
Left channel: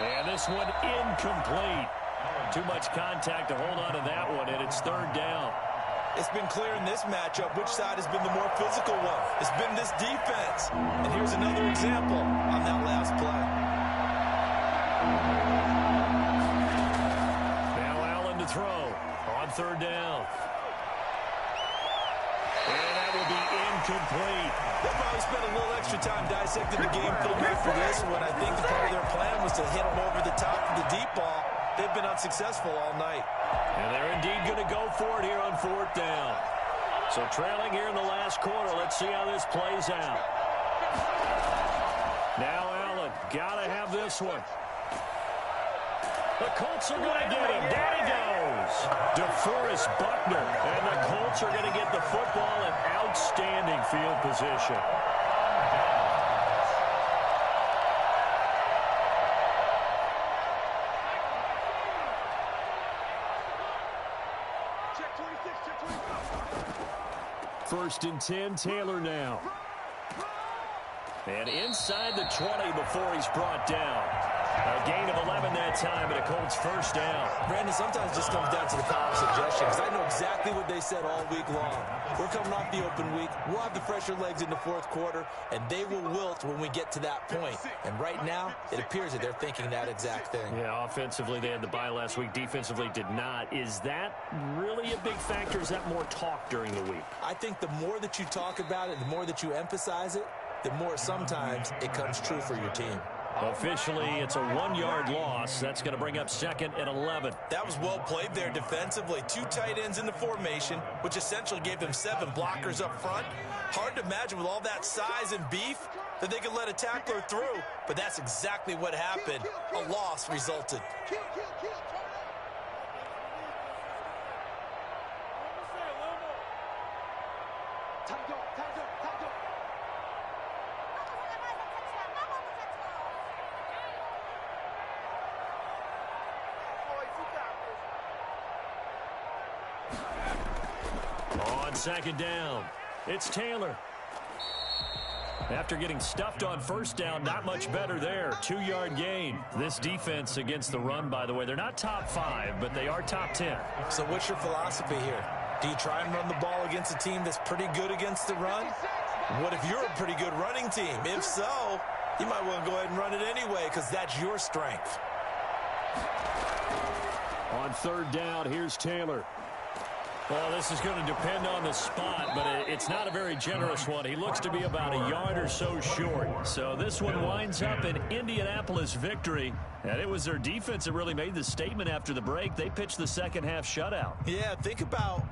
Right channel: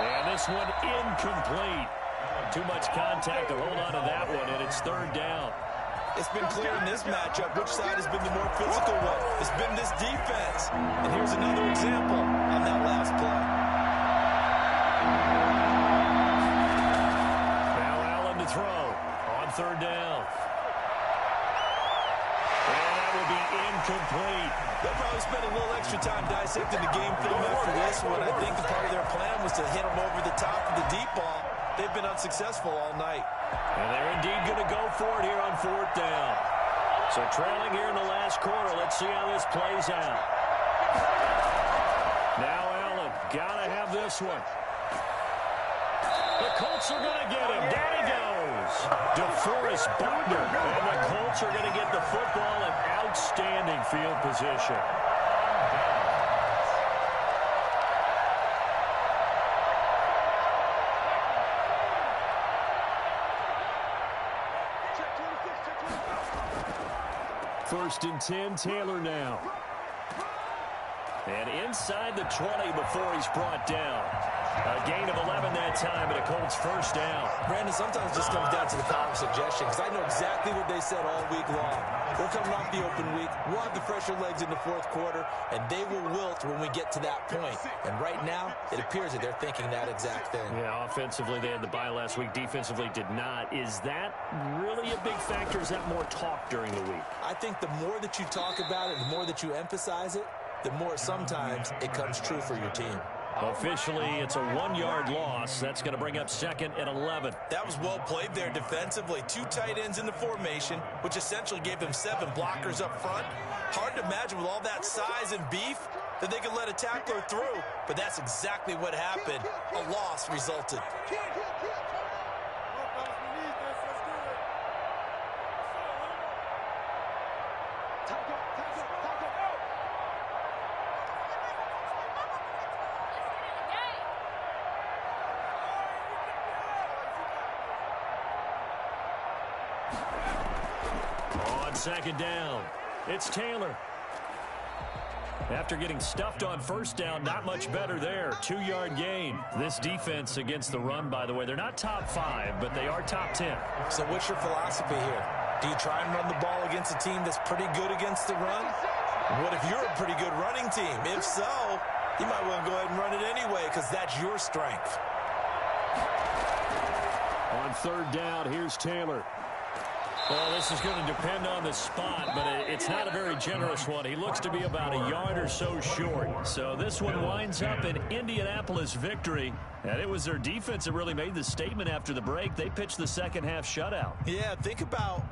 And this one incomplete. Too much contact to hold on to that one, and it's 3rd down. It's been clear in this matchup which side has been the more physical one. It's been this defense. And here's another example on that last play. Throw on 3rd down. And that will be incomplete. They'll probably spend a little extra time dissecting the game film after this one. I think the part of their plan was to hit them over the top of the deep ball. They've been unsuccessful all night. And they're indeed going to go for it here on 4th down. So trailing here in the last quarter. Let's see how this plays out. Now Allen, gotta have this one. The Colts are going to get him. Down he goes. DeForest Buckner. And the Colts are going to get the football in outstanding field position. First and 10, Taylor now. And inside the 20 before he's brought down. A gain of 11 that time, and a Colts first down. Brandon, sometimes it just comes down to the power of suggestion, because I know exactly what they said all week long. We're coming off the open week. We'll have the fresher legs in the fourth quarter, and they will wilt when we get to that point. And right now, it appears that they're thinking that exact thing. Yeah, offensively, they had the bye last week. Defensively, did not. Is that really a big factor? Is that more talk during the week? I think the more that you talk about it, the more that you emphasize it, the more sometimes it comes true for your team. Officially, it's a 1-yard loss. That's going to bring up second and 11. That was well played there defensively. 2 tight ends in the formation, which essentially gave them 7 blockers up front. Hard to imagine with all that size and beef that they could let a tackler through, but that's exactly what happened. A loss resulted. On second down, it's Taylor. After getting stuffed on first down, not much better there. 2-yard gain. This defense against the run, by the way, they're not top 5, but they are top 10. So what's your philosophy here? Do you try and run the ball against a team that's pretty good against the run? What if you're a pretty good running team? If so, you might want to go ahead and run it anyway, because that's your strength. On third down, here's Taylor. Well, this is going to depend on the spot, but it's not a very generous one. He looks to be about a yard or so short. So this one winds up an Indianapolis victory. And it was their defense that really made the statement after the break. They pitched the second half shutout. Yeah, think about